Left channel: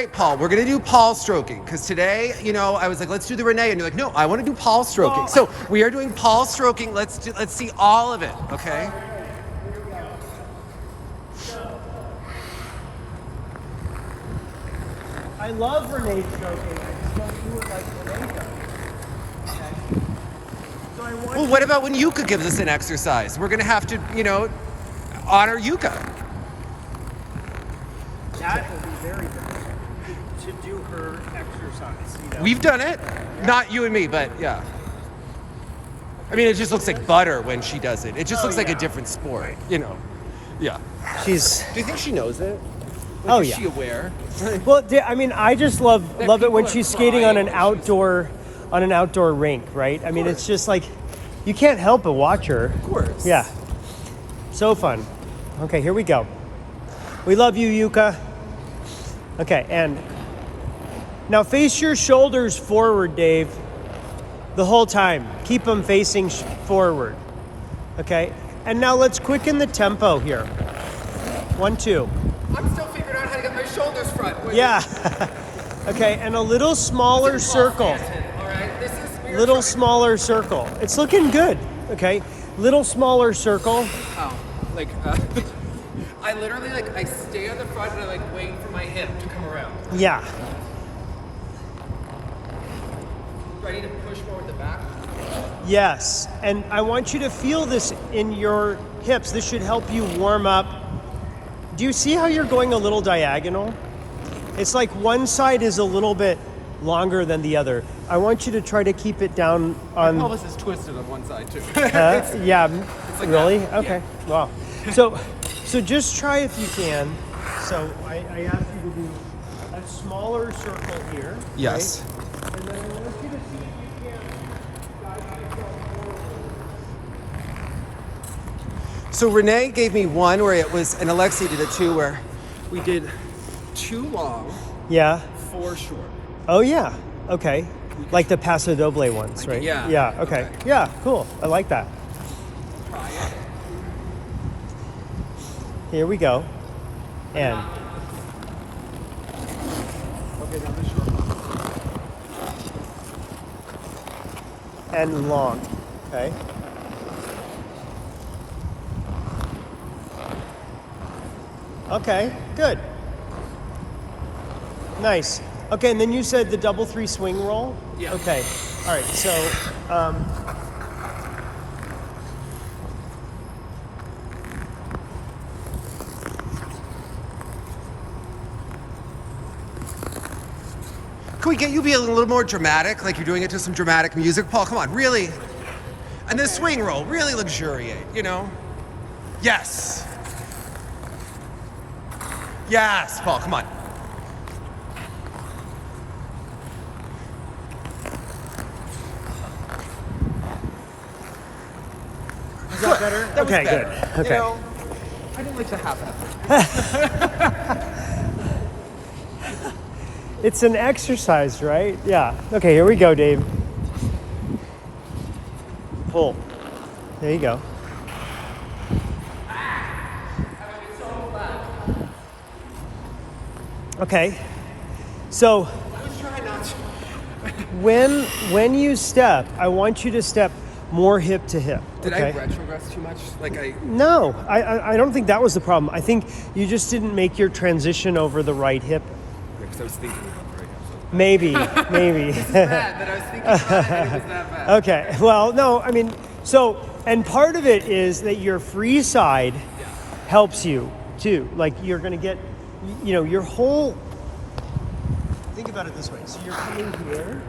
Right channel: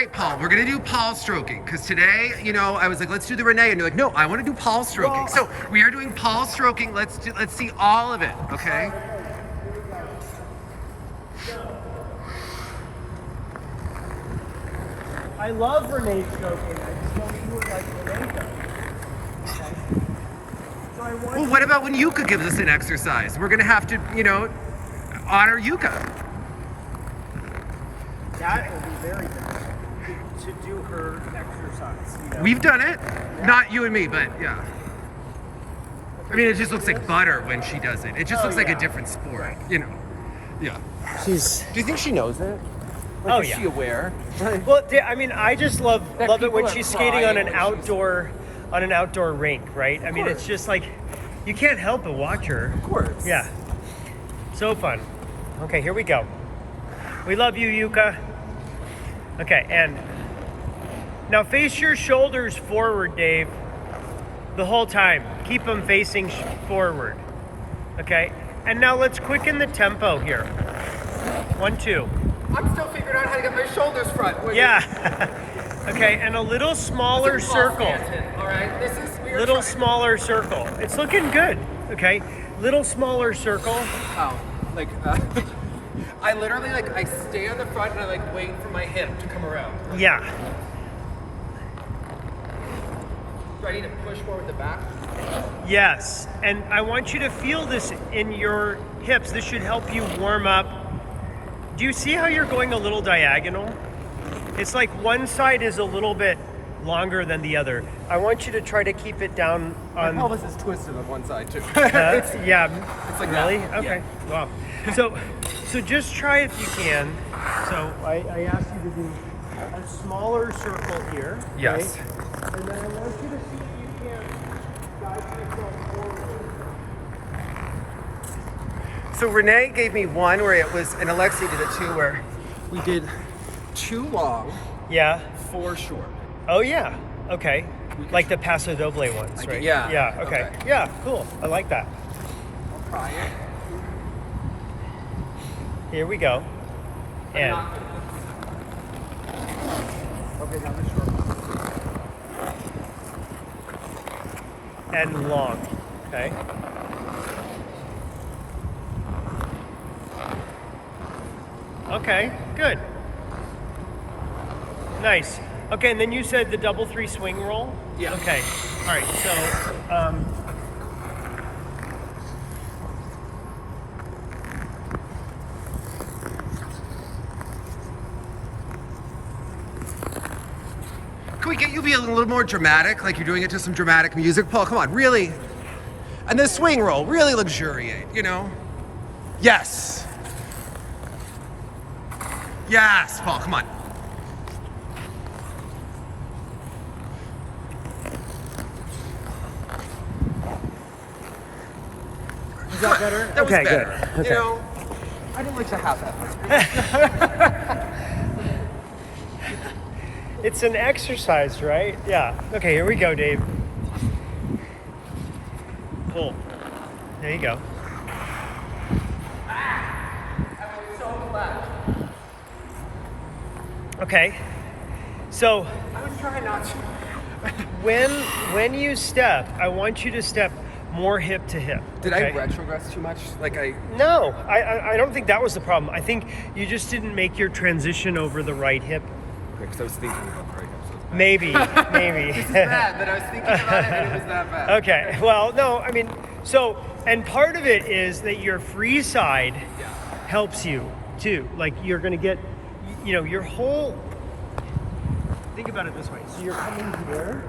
Right, Paul, we're gonna do Paul stroking because today, I was like, let's do the Renee, and you're like, no, I want to do Paul stroking. So we are doing Paul stroking. Let's see all of it, okay? I love Renee stroking. I just don't do it like Renee does. Okay. So I want Well, what about when Yuka gives us an exercise? We're gonna have to, honor Yuka. that will be very difficult to do her exercise. We've done it, not you and me, but yeah. I mean, it just looks like butter when she does it. It just looks like a different sport, Yeah. She's. Do you think she knows it? Like, is she aware? Well, I mean, I just love it people when are she's skating on crying an outdoor rink, right? I mean, it's just like you can't help but watch her. Of course. Yeah. So fun. Okay, here we go. We love you, Yuka. Okay, and now face your shoulders forward, Dave. The whole time. Keep them facing forward. Okay, and now let's quicken the tempo here. 1, 2. I'm still figuring out how to get my shoulders front. Yeah. Okay, and a little smaller circle. All right, Little smaller circle. It's looking good. Okay, little smaller circle. Oh, I literally I stay on the front and I wait for my hip to come around. Yeah. Do I need to push more with the back? Yes, and I want you to feel this in your hips. This should help you warm up. Do you see how you're going a little diagonal? It's like one side is a little bit longer than the other. I want you to try to keep it down on. My pelvis is twisted on one side too. Yeah. It's like Really? that. Okay. Yeah. Wow. So just try if you can. So I asked you to do a smaller circle here. Yes. Okay? And then I want you to see if you can guide yourself forward. So Renee gave me one where it was, and Alexi did it too, where we did 2 long, Yeah. 4 short. Oh yeah. Okay. Like the Paso Doble ones, right? yeah. Yeah. Okay. Okay. Yeah. Cool. I like that. I'll try it. Here we go. And Okay, now the short one. and long. Okay. Okay. Good. Nice. Okay, and then you said the double 3 swing roll? Yeah. Okay. All right. So, Can we get you to be a little more dramatic, like you're doing it to some dramatic music? Paul, come on, really? And the swing roll, really luxuriate, Yes. Yes, Paul, come on. is that better? That was Okay, better. good. Okay. I didn't like the half effort. It's an exercise, right? Yeah. Okay, here we go, Dave. Pull. There you go. Okay. So I was trying not to. when you step, I want you to step more hip to hip. Did I okay? retrogress too much? No, I don't think that was the problem. I think you just didn't make your transition over the right hip. Because I was thinking about the right hip. So Maybe. this is bad, but I was thinking about it and it was that bad. Okay. Well, no, I mean, and part of it is that your free side helps you too. Like you're going to get, your whole. Think about it this way. So you're in here.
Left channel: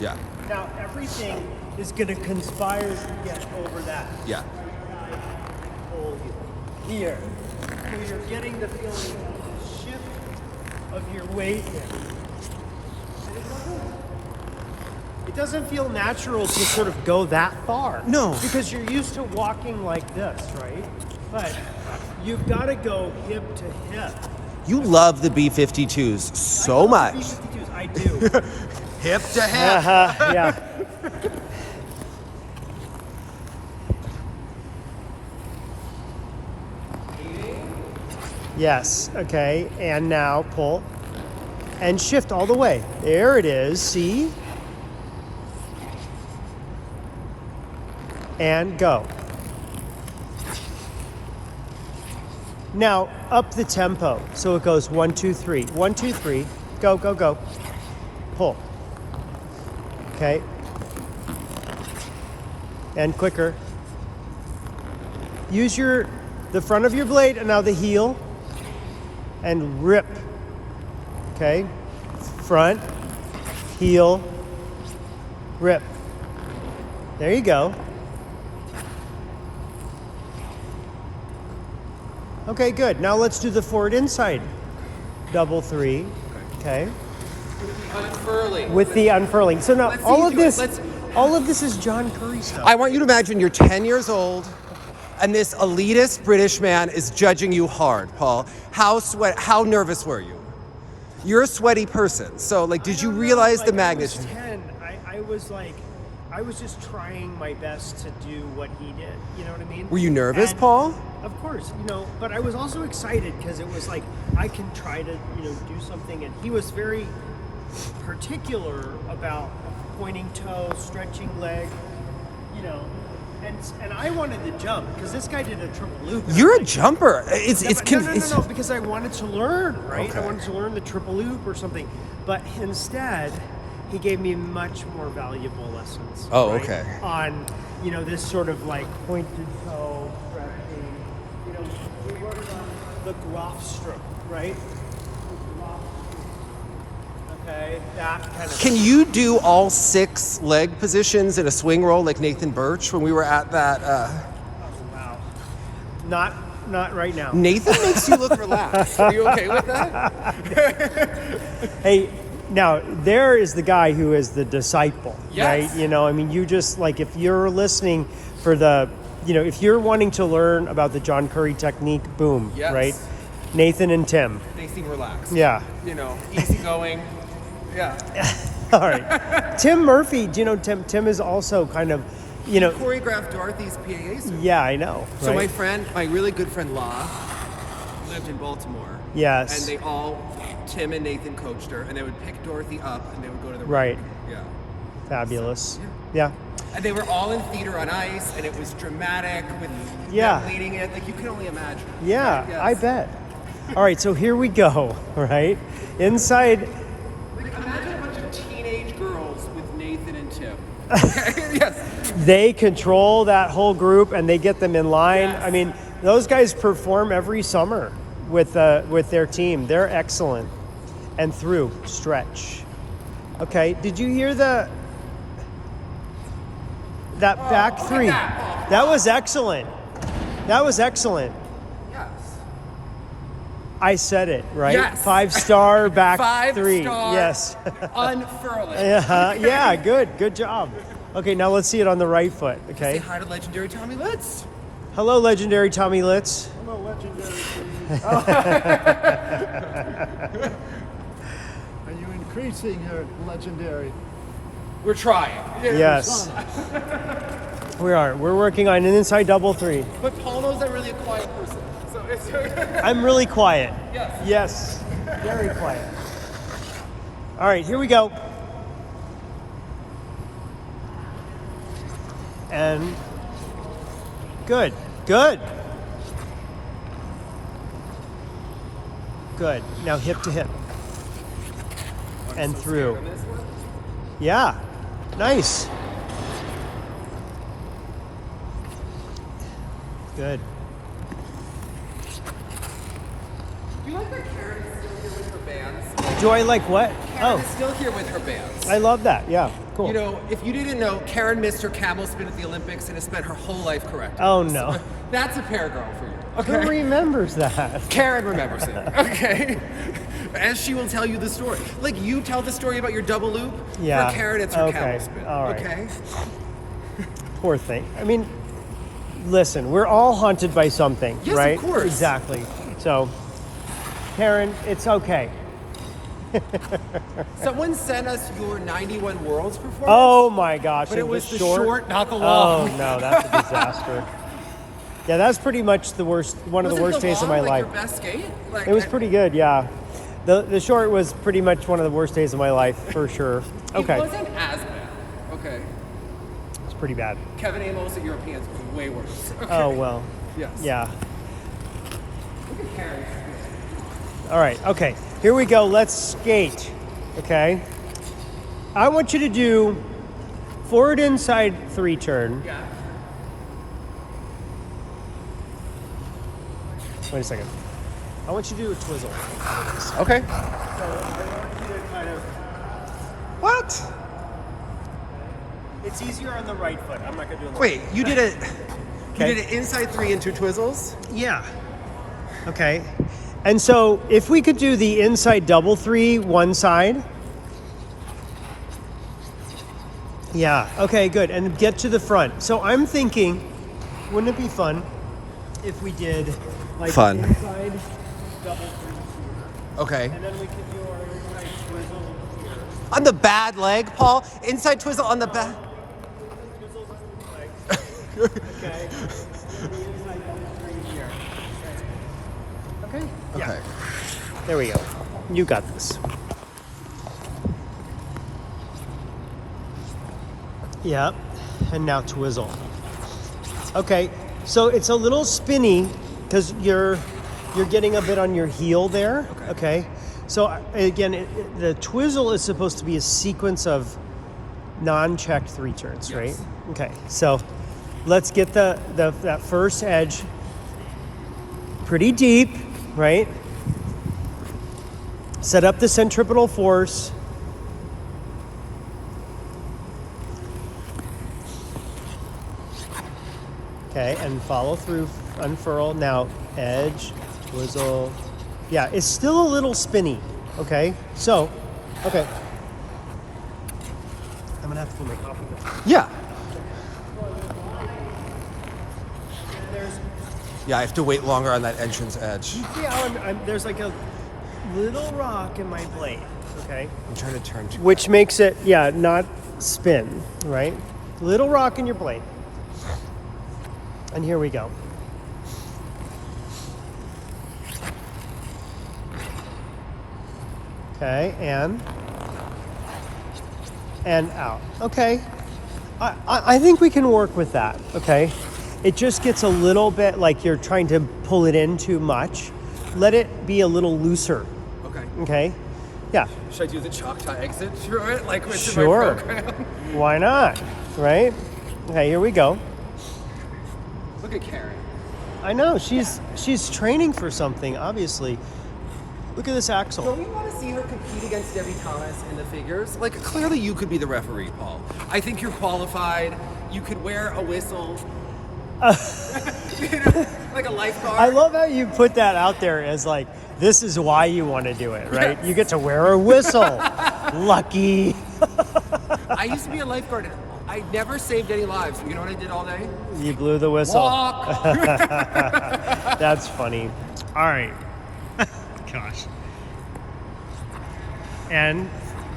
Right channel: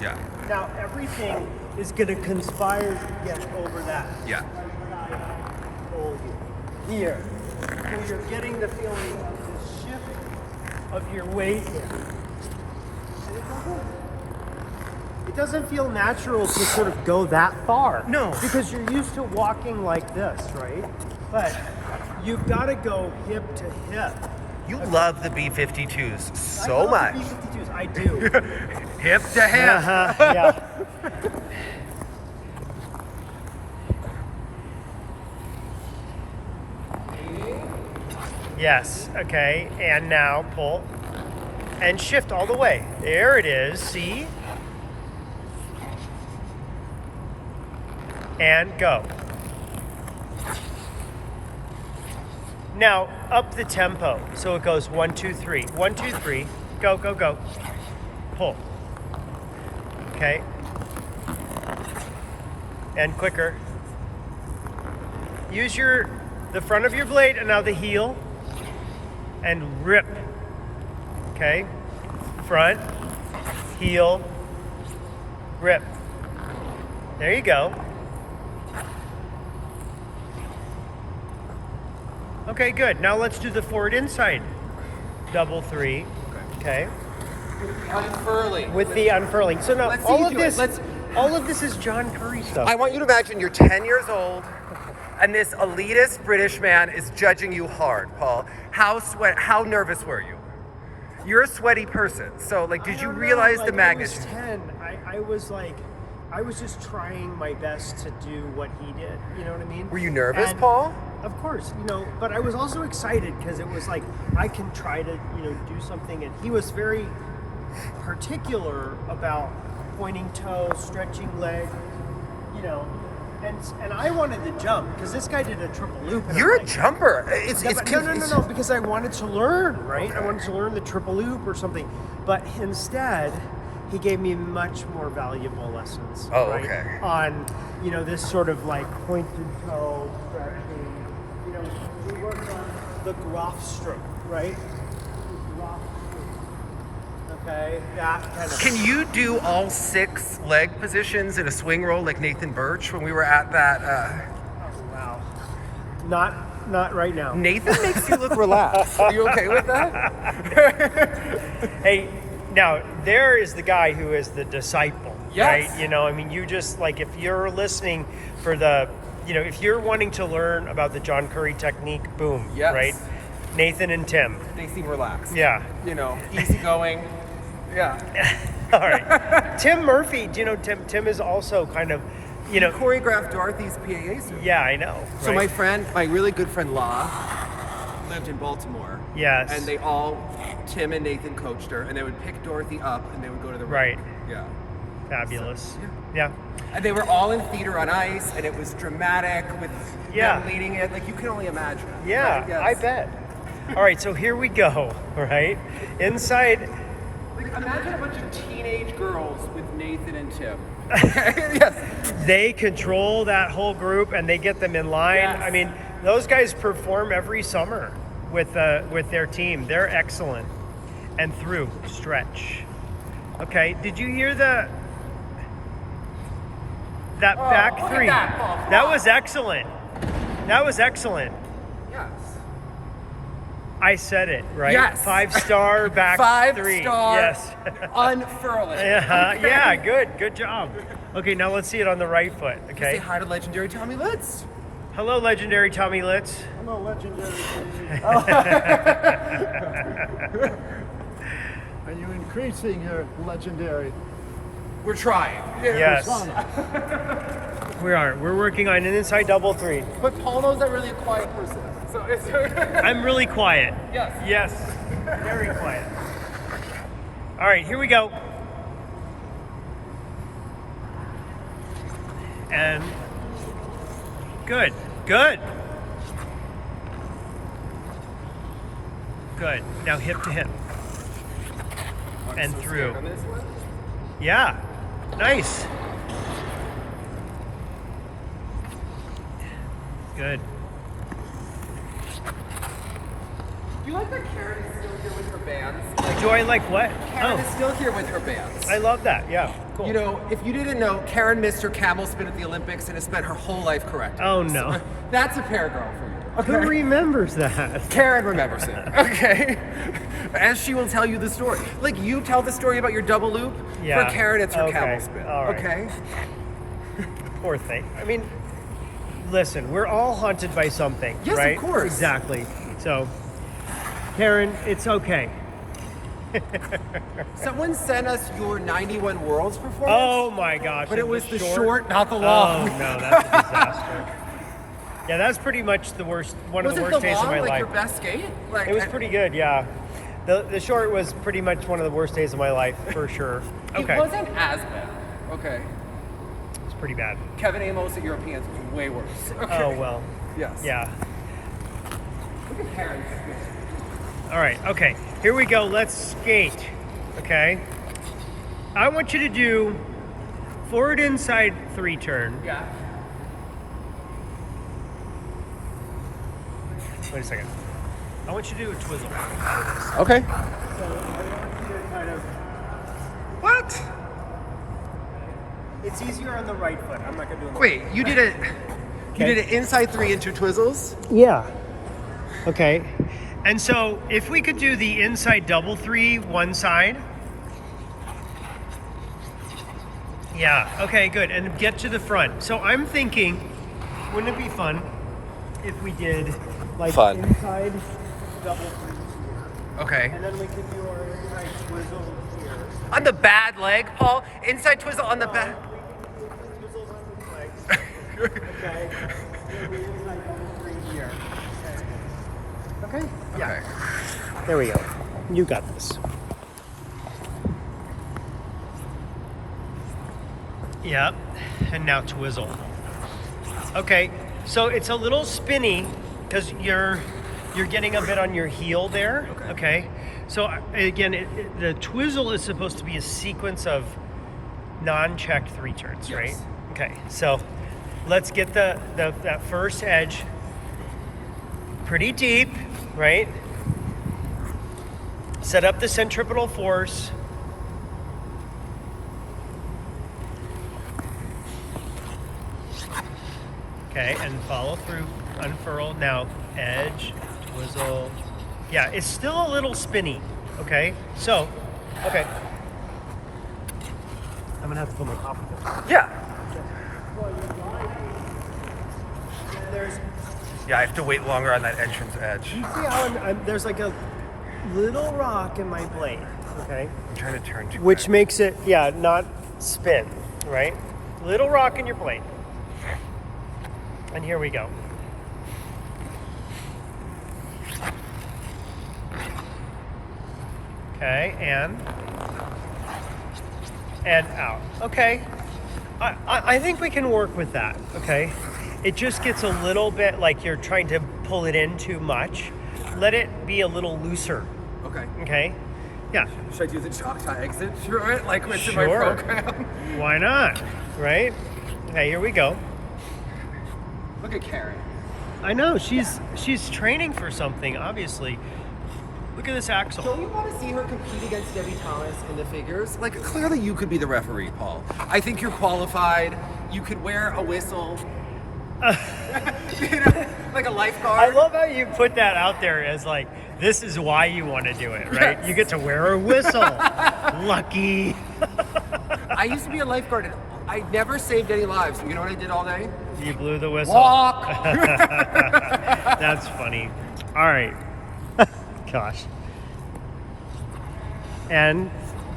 Yeah. Now everything is going to conspire to get over that. Yeah. Right side pull you here. So you're getting the feeling of the shift of your weight here. And it doesn't feel natural to sort of go that far. No. Because you're used to walking like this, right? But you've got to go hip to hip. You love the B-52s so I love much. the B-52s. I do. Hip to hip. Yeah. Yes. Okay. And now pull. and shift all the way. There it is, see? And go. Now, up the tempo. So it goes 1, 2, 3. 1, 2, 3. Go, go, go. Pull. Okay. And quicker. Use the front of your blade and now the heel and rip. Okay. Front, heel, rip. There you go. Okay, good. Now let's do the forward inside. Double 3. Okay. Unfurling. With the unfurling. So now Let's see you do it. all of this is John Curry stuff. I want you to imagine you're 10 years old and this elitist British man is judging you hard, Paul. How nervous were you? You're a sweaty person. So like, did you realize the magnitude? I was 10. I was just trying my best to do what he did. You know what I mean? Were you nervous, And, Paul? Of course, but I was also excited because it was like I can try to, do something. And he was very particular about pointing toe, stretching leg, and I wanted to jump because this guy did a triple loop. And You're I'm a like, jumper. No, because I wanted to learn, right? I wanted to learn the triple loop or something. But instead, he gave me much more valuable lessons, Oh, right? okay. On, this sort of like pointed toe stretching. We worked on the Groff stroke, right? Groff stroke. Okay, that kind of. Can you do all 6 leg positions in a swing roll like Nathan Birch when we were at that? Oh wow, not right now. Nathan makes you look relaxed. Are you okay with that? Hey, now there is the guy who is the disciple, Yes. right? You just like if you're listening for the, if you're wanting to learn about the John Curry technique, boom, Yes. right? Nathan and Tim, They seem relaxed. yeah. Easygoing. Yeah. All right. Tim Murphy, Tim is also kind of, Choreographed Dorothy's PAA suit. yeah, I know. So right? my really good friend La lived in Baltimore. Yes. And Tim and Nathan coached her, and they would pick Dorothy up, and they would go to the Right. rink. Yeah. Fabulous. So, yeah. And they were all in theater on ice, and it was dramatic with Yeah. them leading it. Like you can only imagine. Yeah, right? Yes. I bet. All right, so here we go, right? Inside. Like imagine a bunch of teenage girls with Nathan and Tim. Okay. Yes. They control that whole group and they get them in line. Yes. I mean, those guys perform every summer with their team. They're excellent. And through stretch. Okay, did you hear that back look at three? that, Paul. Come That on. was excellent. That was excellent. Yes. I said it, right? Yes. 5-star back 3. 5-star. Yes. Unfurling. Yeah, yeah, good job. Okay, now let's see it on the right foot. Say Okay. hi to legendary Tommy Litz. Hello, legendary Tommy Litz. Hello, legendary. Are you increasing your legendary? We're trying. Yes. We are. We're working on an inside double 3. But Paul knows I'm really a quiet person. So it's I'm really quiet. yes. Yes. Very quiet. All right, here we go. And good. Good. Good. Now hip to hip. And So through. scared on this one. Yeah. Nice. Good. Do you like that Karen is still here with her bands? Like Do I like what? Karen is Oh, still here with her bands. I love that. Yeah. Cool. You know, if you didn't know, Karen missed her camel spin at the Olympics and has spent her whole life correcting. Oh, this. no. That's a pair girl for you. Who Okay. remembers that? Karen remembers it. Okay. As she will tell you the story. Like you tell the story about your double loop. Yeah. For Karen, it's her Okay. camel spin. All right. Okay. Poor thing. I mean, listen, we're all haunted by something. Yes, of right? course. Exactly. So, Karen, it's okay. Someone sent us your 91 Worlds performance. Oh my gosh. But it was the short, short, not the Oh long. no, that's a disaster. Yeah, that's pretty much the worst. One Was of the it worst the days of long my like life. your best skate? Like It was pretty good, yeah. The short was pretty much one of the worst days of my life, for sure. Okay. It wasn't as bad. Okay. It's pretty bad. Kevin Amos at Europeans was way worse. Okay. Oh, well. Yes. Yeah. Look at Karen. All right, okay. Here we go. Let's skate. Okay. I want you to do forward inside 3 turn. Yeah. Wait a second. I want you to do a twizzle. Okay. So I want you to kind of. What? It's easier on the right foot. I'm not gonna do it. On the Wait, you did it. Okay. You did it inside 3 into twizzles? Yeah. Okay. And so if we could do the inside double 3 one side. Yeah. Okay, good. And get to the front. So I'm thinking, wouldn't it be fun if we did like Fun. inside double 3 here, Okay. and then we could do our inside twizzle here. On the bad leg, Paul? Inside twizzle on the bad. Twizzles on these legs. Okay. And then the inside double 3 here. Okay. Okay. Yeah. Okay. There we go. You got this. Yep. And now twizzle. Okay. So it's a little spinny because you're getting a bit on your heel there. Okay. Okay. So again, the twizzle is supposed to be a sequence of non-checked 3 turns, Yes. right? Okay. So let's get that first edge pretty deep, right? Set up the centripetal force. Okay, and follow through, unfurl. Now, edge, twizzle. Yeah, it's still a little spinny, okay? So, okay. I'm gonna have to pull my Yeah. There's, Yeah, I have to wait longer on that entrance edge. you see how there's like a little rock in my blade, okay? I'm trying to turn to. Which makes it, yeah, not spin, right? Little rock in your blade. And here we go. Okay, and out. Okay, I think we can work with that. Okay, it just gets a little bit like you're trying to pull it in too much. Let it be a little looser. Okay. Okay, yeah. Should I do the chalk tie exit through it like it's in Sure. my program? Why not? Right? Okay, here we go. Look at Karen. I know she's training for something. Obviously, look at this axle. Don't you want to see her compete against Debbie Thomas in the figures? Like, clearly you could be the referee, Paul. I think you're qualified. You could wear a whistle. You know, like a I lifeguard. love how you put that out there as like this is why you want to do it, right? Yes. You get to wear a whistle. Lucky. I used to be a lifeguard and I never saved any lives. You know what I did all day? You blew the whistle. Walk. That's funny. All right. Gosh. And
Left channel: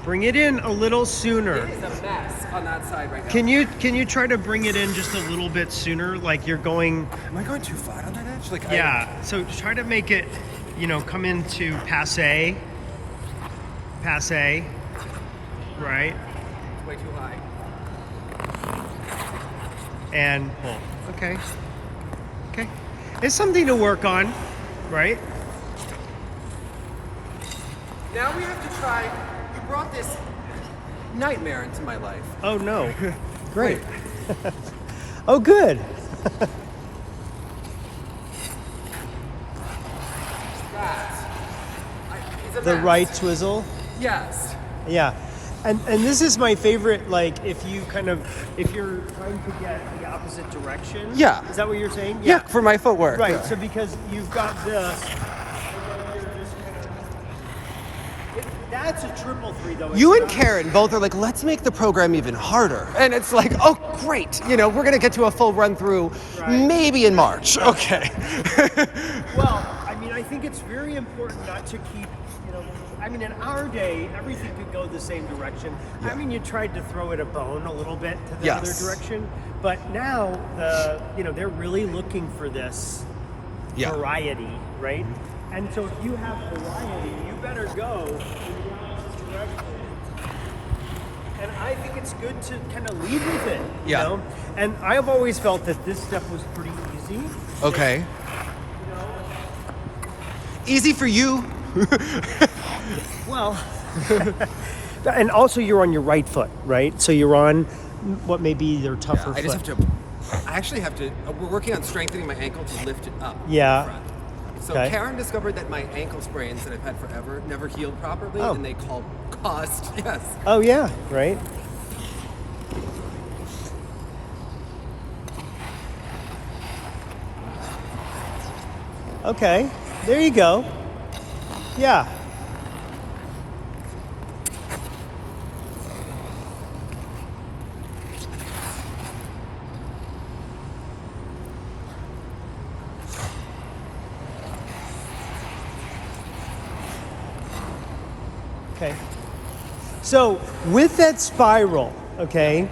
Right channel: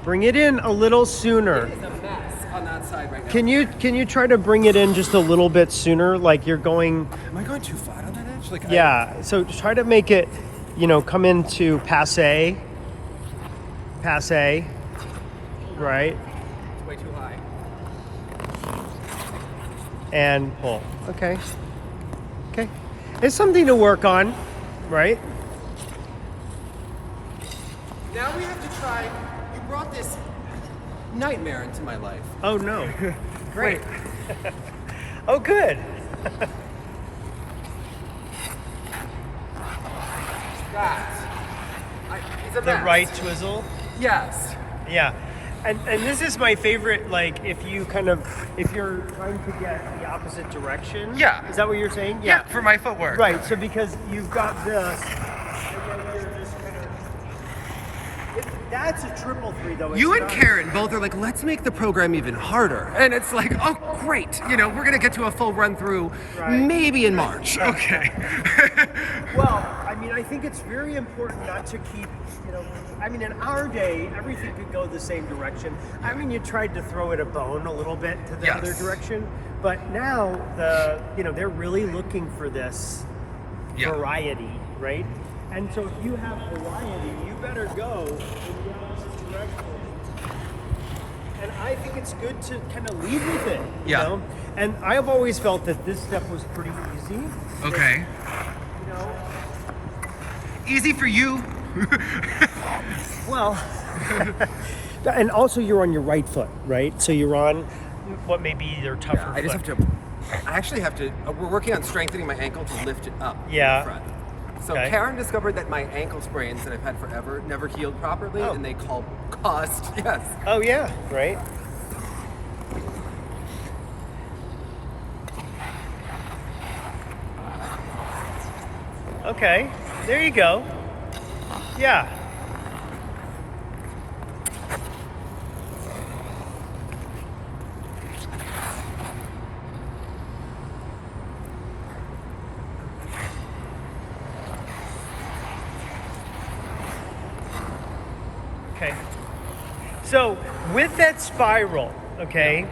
bring it in a little sooner. It is a mess on that side right now. Can you try to bring it in just a little bit sooner? Like you're going. Am I going too flat on that edge? Like, Yeah. So try to make it, come into passe. Passe. Right. It's way too high. And pull. Okay. Okay. It's something to work on, right? Now we have to try. You brought this nightmare into my life. Oh no. Great. Wait. Oh good. That. It's a The mess. right twizzle. Yes. Yeah. And this is my favorite, like if you're trying to get the opposite direction. Yeah. Is that what you're saying? Yeah. For my footwork. Right. So because you've got this, and then you're just kind of. That's a triple 3 though. You It's and not- Karen both are like, let's make the program even harder. And it's like, oh, great. We're going to get to a full run through Right. maybe in March. Okay. Well, I think it's very important not to keep, in our day, everything could go the same direction. You tried to throw it a bone a little bit to the Yes. other direction, but now they're really looking for this Yeah. variety, right? And so if you have variety, you better go in the opposite direction. And I think it's good to kind of lead with it, you Yeah. know? And I've always felt that this step was pretty easy. Okay. You know, Easy for you. well, and also you're on your right foot, right? So you're on what may be your tougher Yeah, I just foot. have to. I actually have to. We're working on strengthening my ankle to lift it up. in Yeah. the front. So Okay. Karen discovered that my ankle sprains that I've had forever never healed properly, Oh. and they caused. Yes. Oh yeah, right. Okay, there you go. Yeah. Okay. So with that spiral, okay,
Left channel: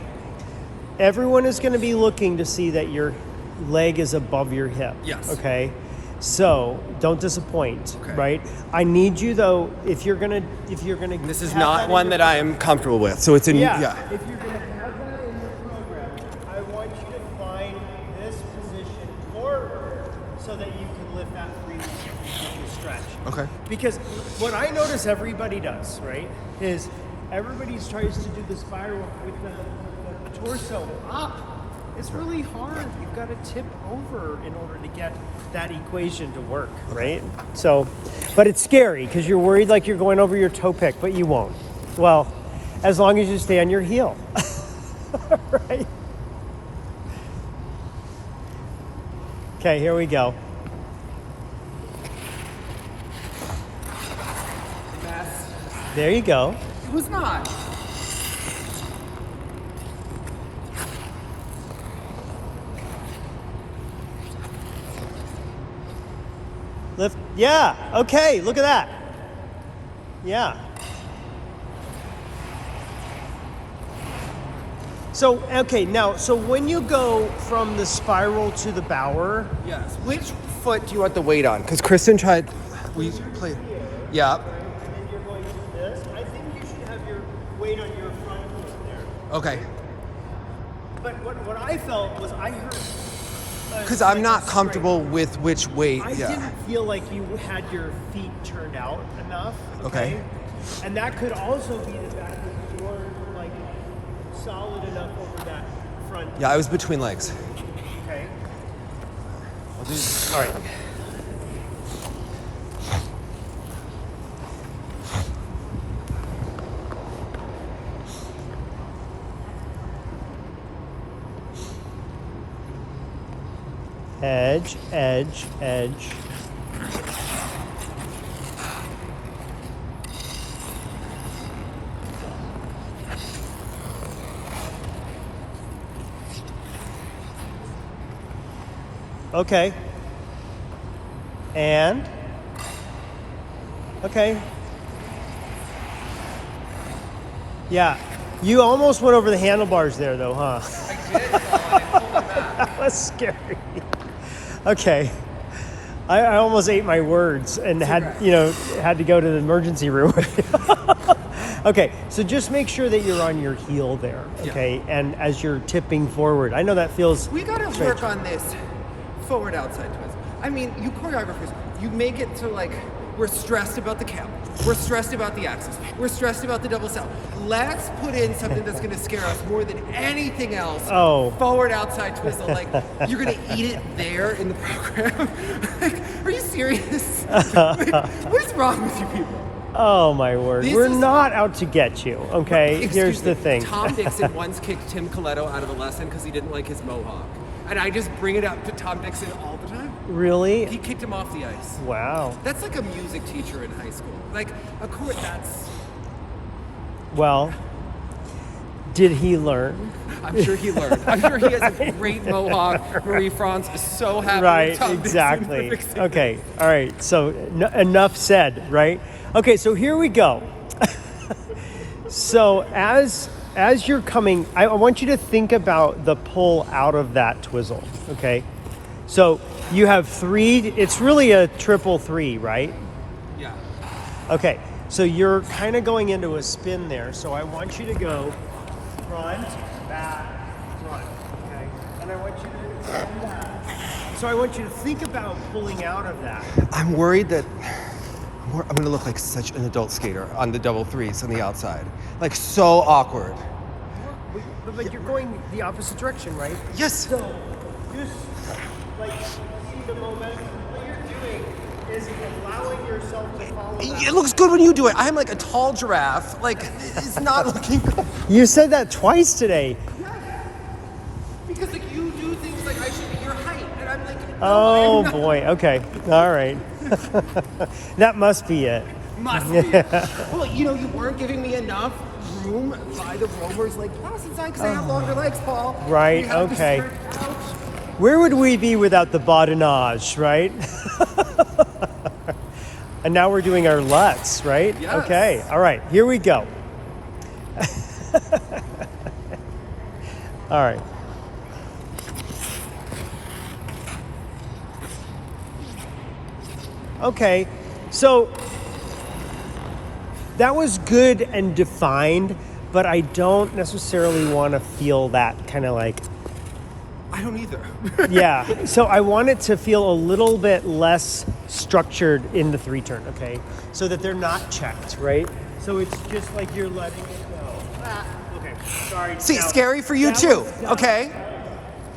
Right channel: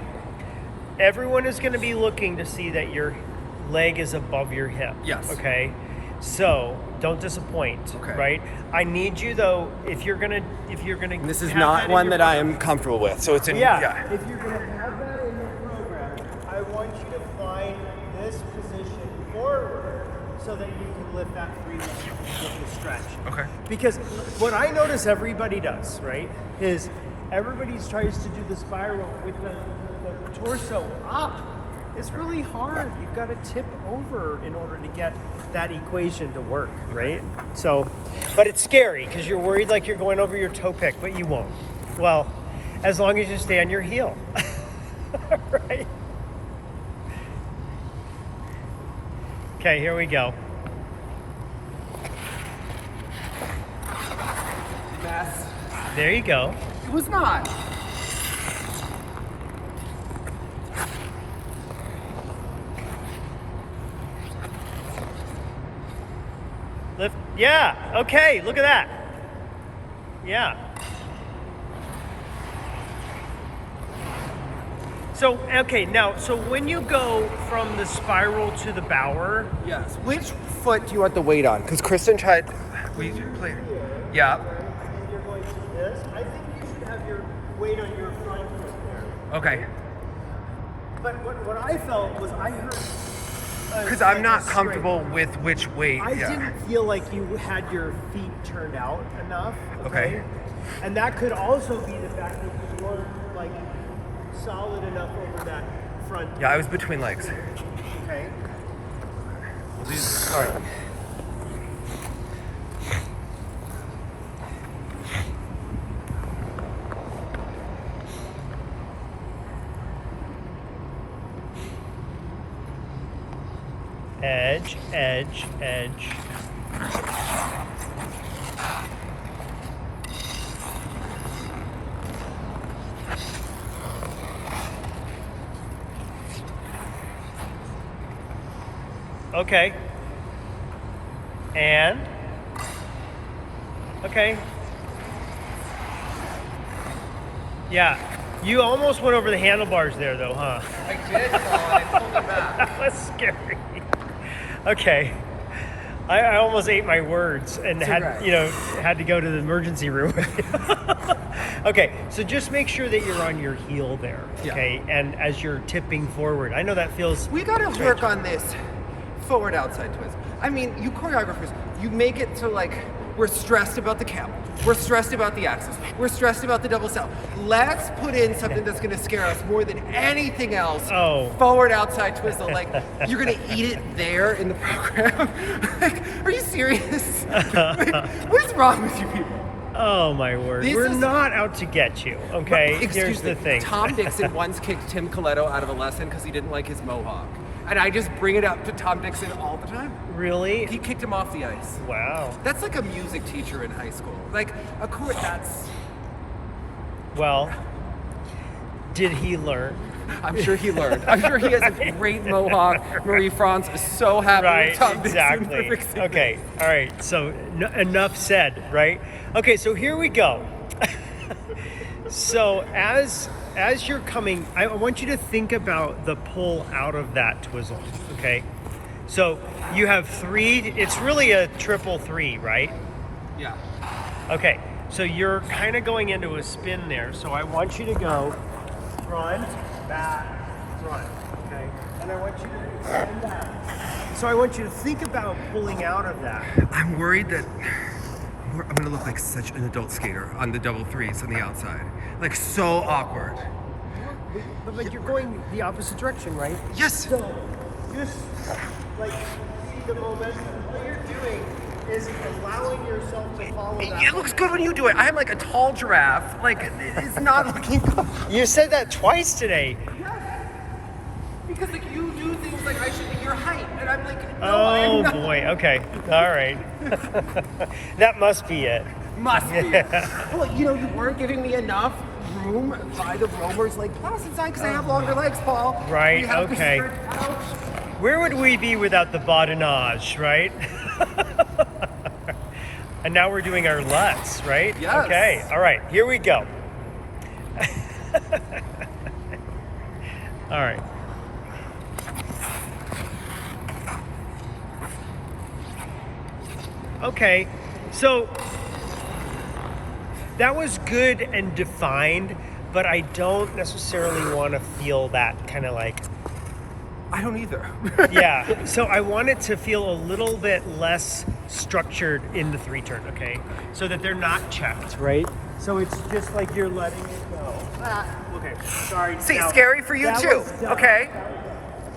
everyone is going to be looking to see that your leg is above your hip. Yes. Okay. So don't disappoint. Okay. Right. I need you though. If you're gonna. This is have not in one your that I am comfortable with. So it's a Yeah. If you're gonna have that in your program, I want you to find this position forward so that you can lift that freely with the stretch. Okay. Because what I notice everybody does, right, is everybody tries to do the spiral with the torso up. It's really hard. You've got to tip over in order to get that equation to work, right? So, but it's scary because you're worried like you're going over your toe pick, but you won't. Well, as long as you stay on your heel. Right? Okay, here we go. Mess. There you go. It was not. Lift. Yeah. Okay. Look at that. Yeah. So, okay, now, so when you go from the spiral to the bower, Yes. Which foot do you want the weight on? Because Kristen tried. We played. Yeah. and you're going to this, I think you should have your weight on your front foot there. Okay. But what I felt was I heard. Because I'm not comfortable with which weight. I yeah. didn't feel like you had your feet turned out enough. Okay. And that could also be the fact that you weren't like solid enough over that front. Yeah, I was between legs. Okay. All right. Edge, edge, edge. Okay. And? Okay. Yeah. You almost went over the handlebars there, though, huh? I did, Paul, and I pulled it back. That's scary. Okay. I almost ate my words and had okay. had to go to the emergency room. Okay, so just make sure that you're on your heel there. Yeah. Okay, and as you're tipping forward, I know that feels. We gotta work on this forward outside twist. I mean, you choreographers, you make it to like, we're stressed about the camel. We're stressed about the axis. We're stressed about the double cell. Let's put in something that's gonna scare us more than anything else. Oh. Forward outside twistle. Like, you're gonna eat it there in the program? Like, are you serious? Like, what is wrong with you people? Oh my word! This We're is- not out to get you. Okay, Excuse here's me. the thing. Tom Dixon once kicked Tim Coletto out of a lesson because he didn't like his mohawk. And I just bring it up to Tom Dixon all the time. Really? He kicked him off the ice. Wow. That's like a music teacher in high school. Like, of course, that's. Well, did he learn? I'm sure he learned. I'm sure he has a great mohawk. Marie France is so happy Right, with Tom Dixon exactly. for fixing it. Okay, all right. So enough said, right? Okay, so here we go. So as you're coming, I want you to think about the pull out of that twizzle. Okay, So you have 3, it's really a triple 3, right? Yeah. Okay, so you're kind of going into a spin there. So I want you to go front, back, front, okay? And I want you to extend that. So I want you to think about pulling out of that. I'm worried that I'm gonna look like such an adult skater on the double threes on the outside. Like so awkward. But you're going the opposite direction, right? Yes. So just like see the momentum. All you're doing is allowing yourself to follow that. It looks good when you do it. I'm like a tall giraffe. Like it's not looking good. You said that twice today. Because like you do things like I should be your height, and I'm like, no, Oh I'm not. boy. Okay. All right. That must be it. Must be. Well, you know, you weren't giving me enough room by the roamers like class inside because I have longer legs, Paul. Right, We have to okay. stretch out. Where would we be without the badinage, right? And now we're doing our Lutz, right? Yes. Okay. All right. Here we go. All right. Okay. So that was good and defined, but I don't necessarily want to feel that kind of like, I don't either. yeah. So I want it to feel a little bit less structured in the 3-turn, okay? So that they're not checked, right? So it's just like you're letting it go. Okay. Sorry. See, Now, scary for you that too. was dumb. Okay.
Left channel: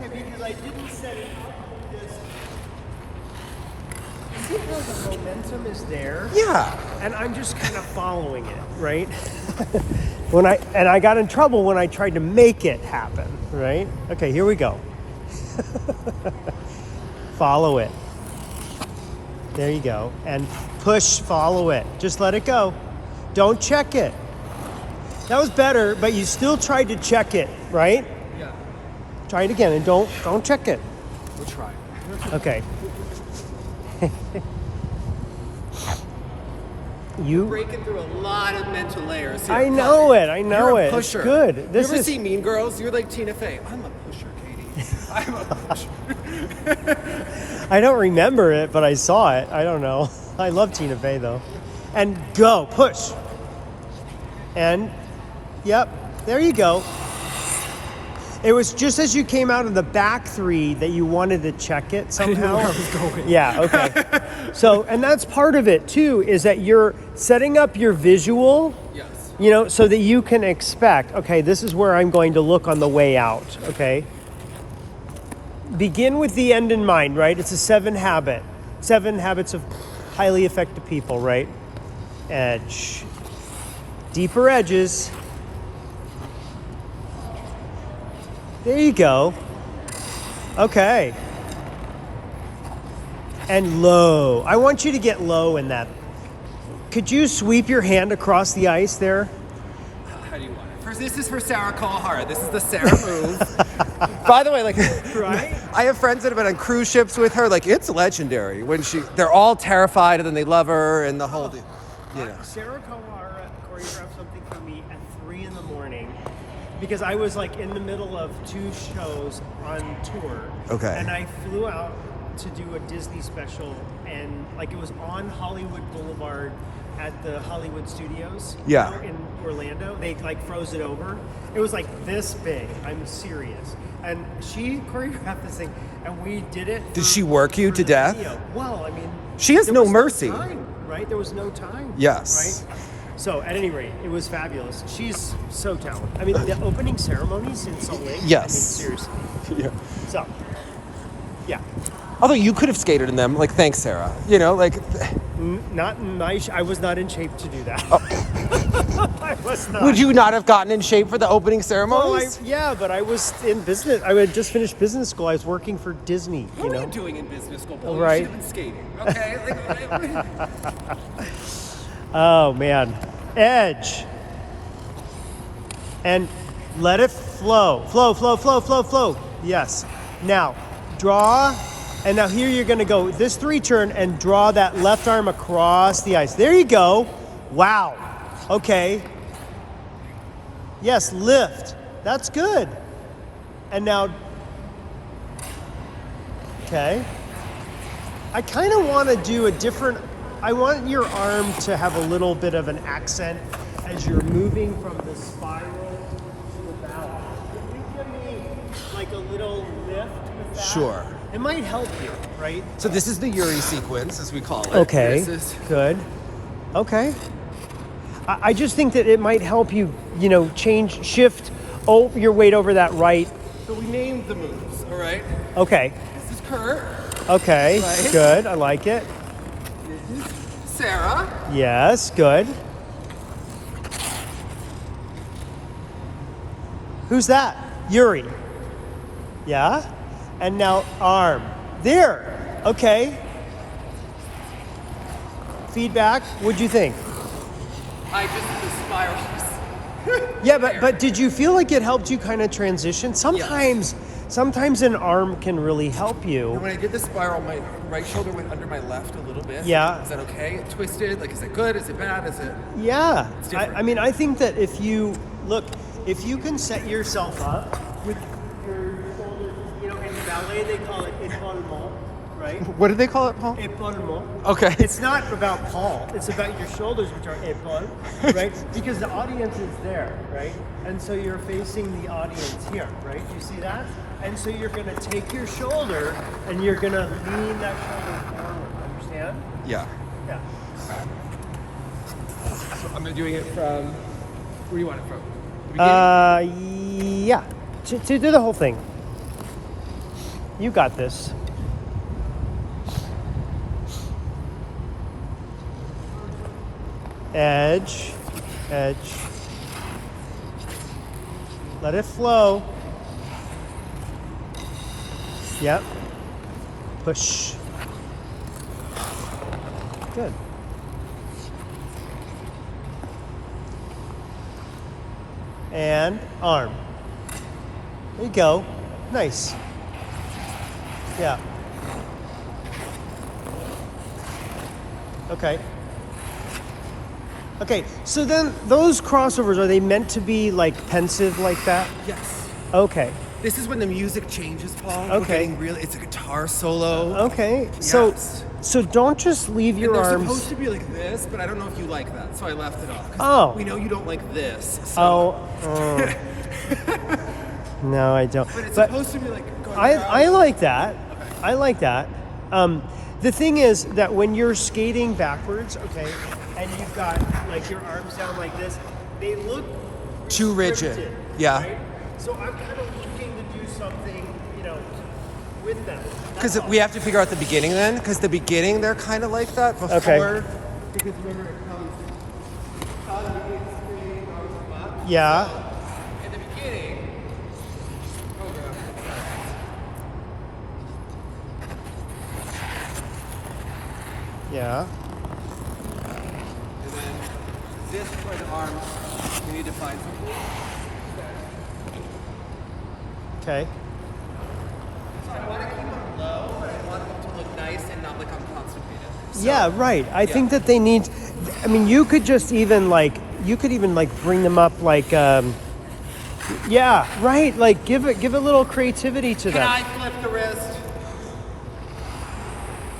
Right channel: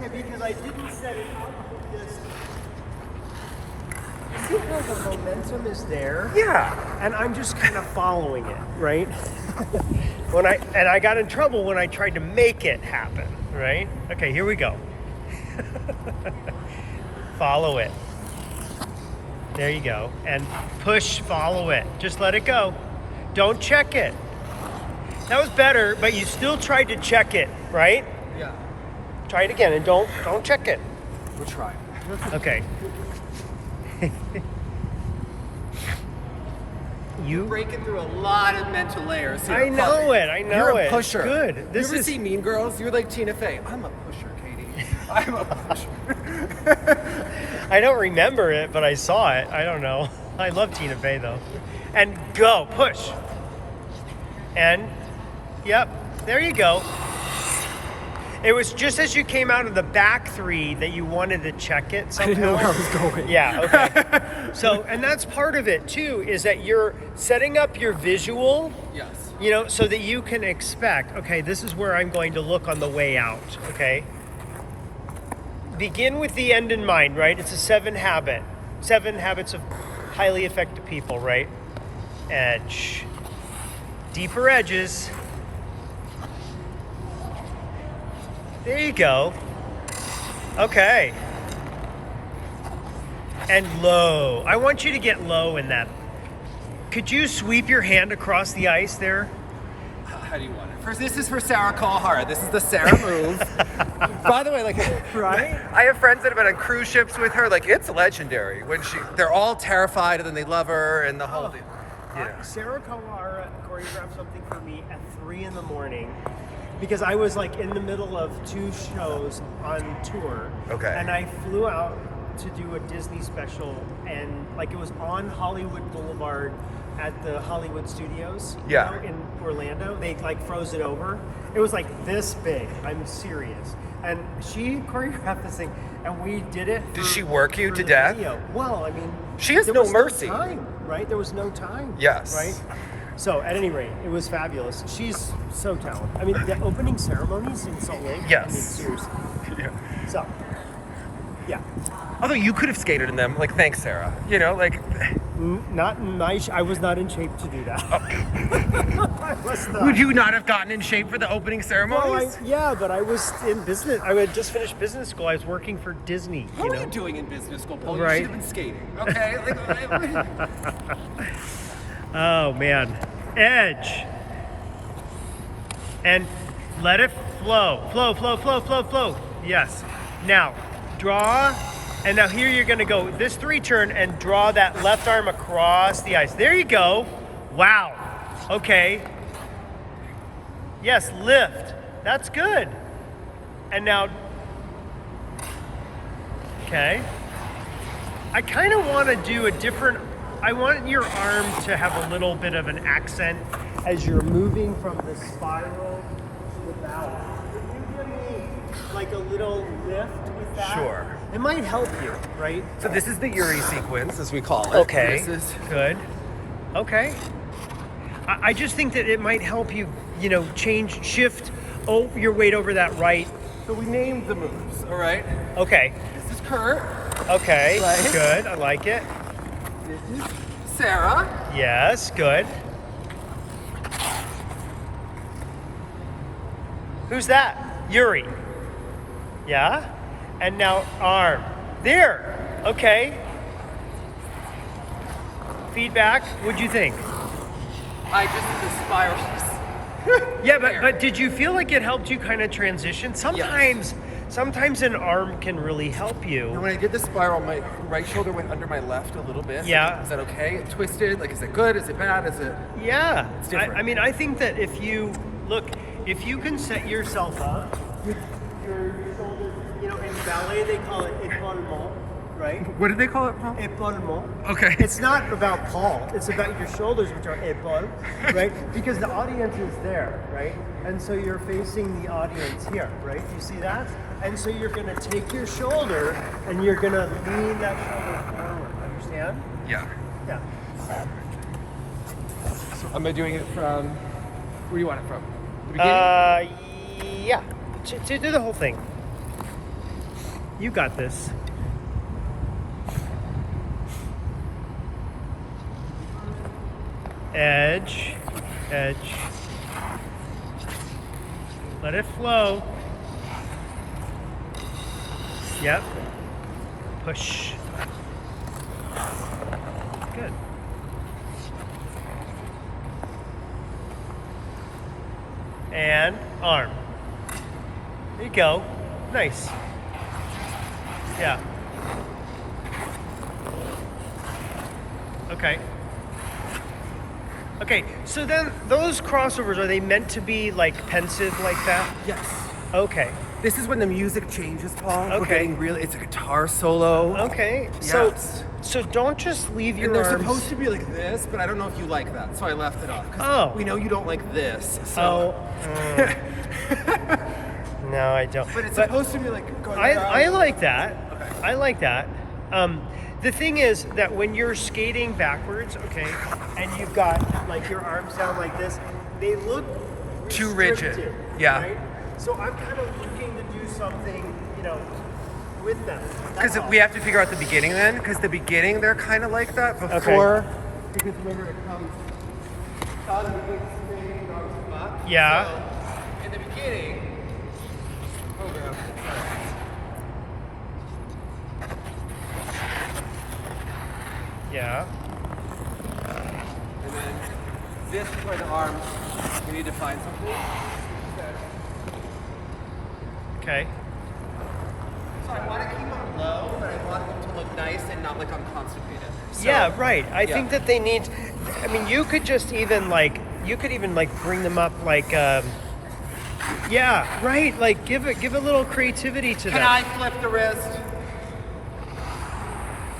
Okay, because I didn't set it up with this. You see how the momentum is there? Yeah. And I'm just kind of following it, right? I got in trouble when I tried to make it happen, right? Okay, here we go. Follow it. There you go. And push, follow it. Just let it go. Don't check it. That was better, but you still tried to check it, right? Yeah. Try it again and don't check it. We'll try. Okay. You Breaking through a lot of mental layers here. I know it. I know You're a it. pusher. Good. You This ever is see Mean Girls? You're like Tina Fey. I'm a pusher, Katie. I'm a pusher. I don't remember it, but I saw it. I don't know. I love Tina Fey though. And go, push. And yep, there you go. It was just as you came out of the back 3 that you wanted to check it. I didn't know where I was going. Yeah, okay. So, and that's part of it too, is that you're setting up your visual, Yes. you know, so that you can expect, okay, this is where I'm going to look on the way out, okay? Begin with the end in mind, right? It's a 7 habits of highly effective people, right? Edge. Deeper edges. There you go. Okay. And low. I want you to get low in that. Could you sweep your hand across the ice there? How do you want it? First, this is for Sarah Kawahara. This is the Sarah move. By the way, like, Right? I have friends that have been on cruise ships with her. Like, it's legendary when they're all terrified and then they love her and the whole deal. Sarah Kawahara choreographed something for me at 3 in the morning because I was like in the middle of 2 shows on tour. Okay. And I flew out to do a Disney special, and like it was on Hollywood Boulevard at the Hollywood Studios, Yeah. you know, in Orlando. They like froze it over. It was like this big. I'm serious. And she choreographed this thing, and we did it. Did she work you for to the death? video. Well, I mean, She has there no was mercy. No time, right? There was no time. Yes. Right. So at any rate, it was fabulous. She's so talented. I mean, the opening ceremonies in Salt Lake. Yes. I mean, seriously. Yeah. So, yeah. Although you could have skated in them. Like, thanks, Sarah. You know, like, Not nice. I was not in shape to do that. I was not. would you not have gotten in shape for the opening Well, ceremonies? yeah, but I was in business. I had just finished business school. I was working for Disney. What were know? you doing in business school, Paul? Right. You should have been skating. Okay. Like, Oh man, edge, and let it flow, flow, flow, flow, flow, flow. Yes. Now, draw, and now here you're gonna go this 3-turn and draw that left arm across the ice. There you go. Wow. Okay. Yes, lift. That's good. And now, Okay. I kind of want to do a different. I want your arm to have a little bit of an accent as you're moving from the spiral to the bow. Could you give me like a little lift with that? Sure. It might help you, right? So this is the Yuri sequence, as we call it. Okay. This is Good. Okay. I just think that it might help you, shift your weight over that right. so we named the moves. All right. Okay. This is Kurt. Okay. Right. Good. I like it. This is Sarah. Yes. Good. Who's that? Yuri. Yeah. And now arm. There. Okay. Feedback. What'd you think? I just did the spirals. Yeah, but did you feel like it helped you kind of transition? Sometimes an arm can really help you. When I did the spiral, my right shoulder went under my left a little bit. Yeah. Is that okay? It twisted. Like, is it good? Is it bad? Is it? Yeah. It's different. I mean, I think that if you can set yourself up with your shoulders, in ballet they call it épaulement, right? What did they call it, Paul? Épaulement. Okay. It's not about Paul. It's about your shoulders, which are épaule, right? Because the audience is there, right? And so you're facing the audience here, right? You see that? And so you're going to take your shoulder and you're going to lean that shoulder forward. Understand? Yeah. Yeah. I'm gonna do it from. Where do you want it from? The beginning. Yeah. To do the whole thing. You got this. Edge. Let it flow. Yeah. Push. Good. And arm. There you go. Nice. Yeah. Okay. Okay, so then those crossovers, are they meant to be like pensive like that? Yes. Okay. This is when the music changes, Paul. We're Okay. getting really. It's a guitar solo. Okay. Yes. So don't just leave your And they're arms. supposed to be like this, but I don't know if you like that, so I left it off. 'Cause Oh. We know you don't like this. So. Oh. No, I don't. But it's supposed to be like going I around. like that. Okay. I like that. The thing is that when you're skating backwards, okay, and you've got like your arms down like this, they look Too rigid. restricted, Yeah. Right? So I'm kind of looking to do something, with them. Because That's all. we have to figure out the beginning then. Because the beginning they're kind of like that before. Okay. Because remember it comes out of the big screen, goes up. Yeah. So, in the beginning, program. Yeah. And then this is where the arms. You need to find something. Okay. So I want to keep them low, but I want them to look nice and not like I'm constipated. So, Yeah, right. I yeah. think that they need. I mean, you could just even like bring them up like. Yeah, right. Like give a little creativity to Can that. I flip the wrist?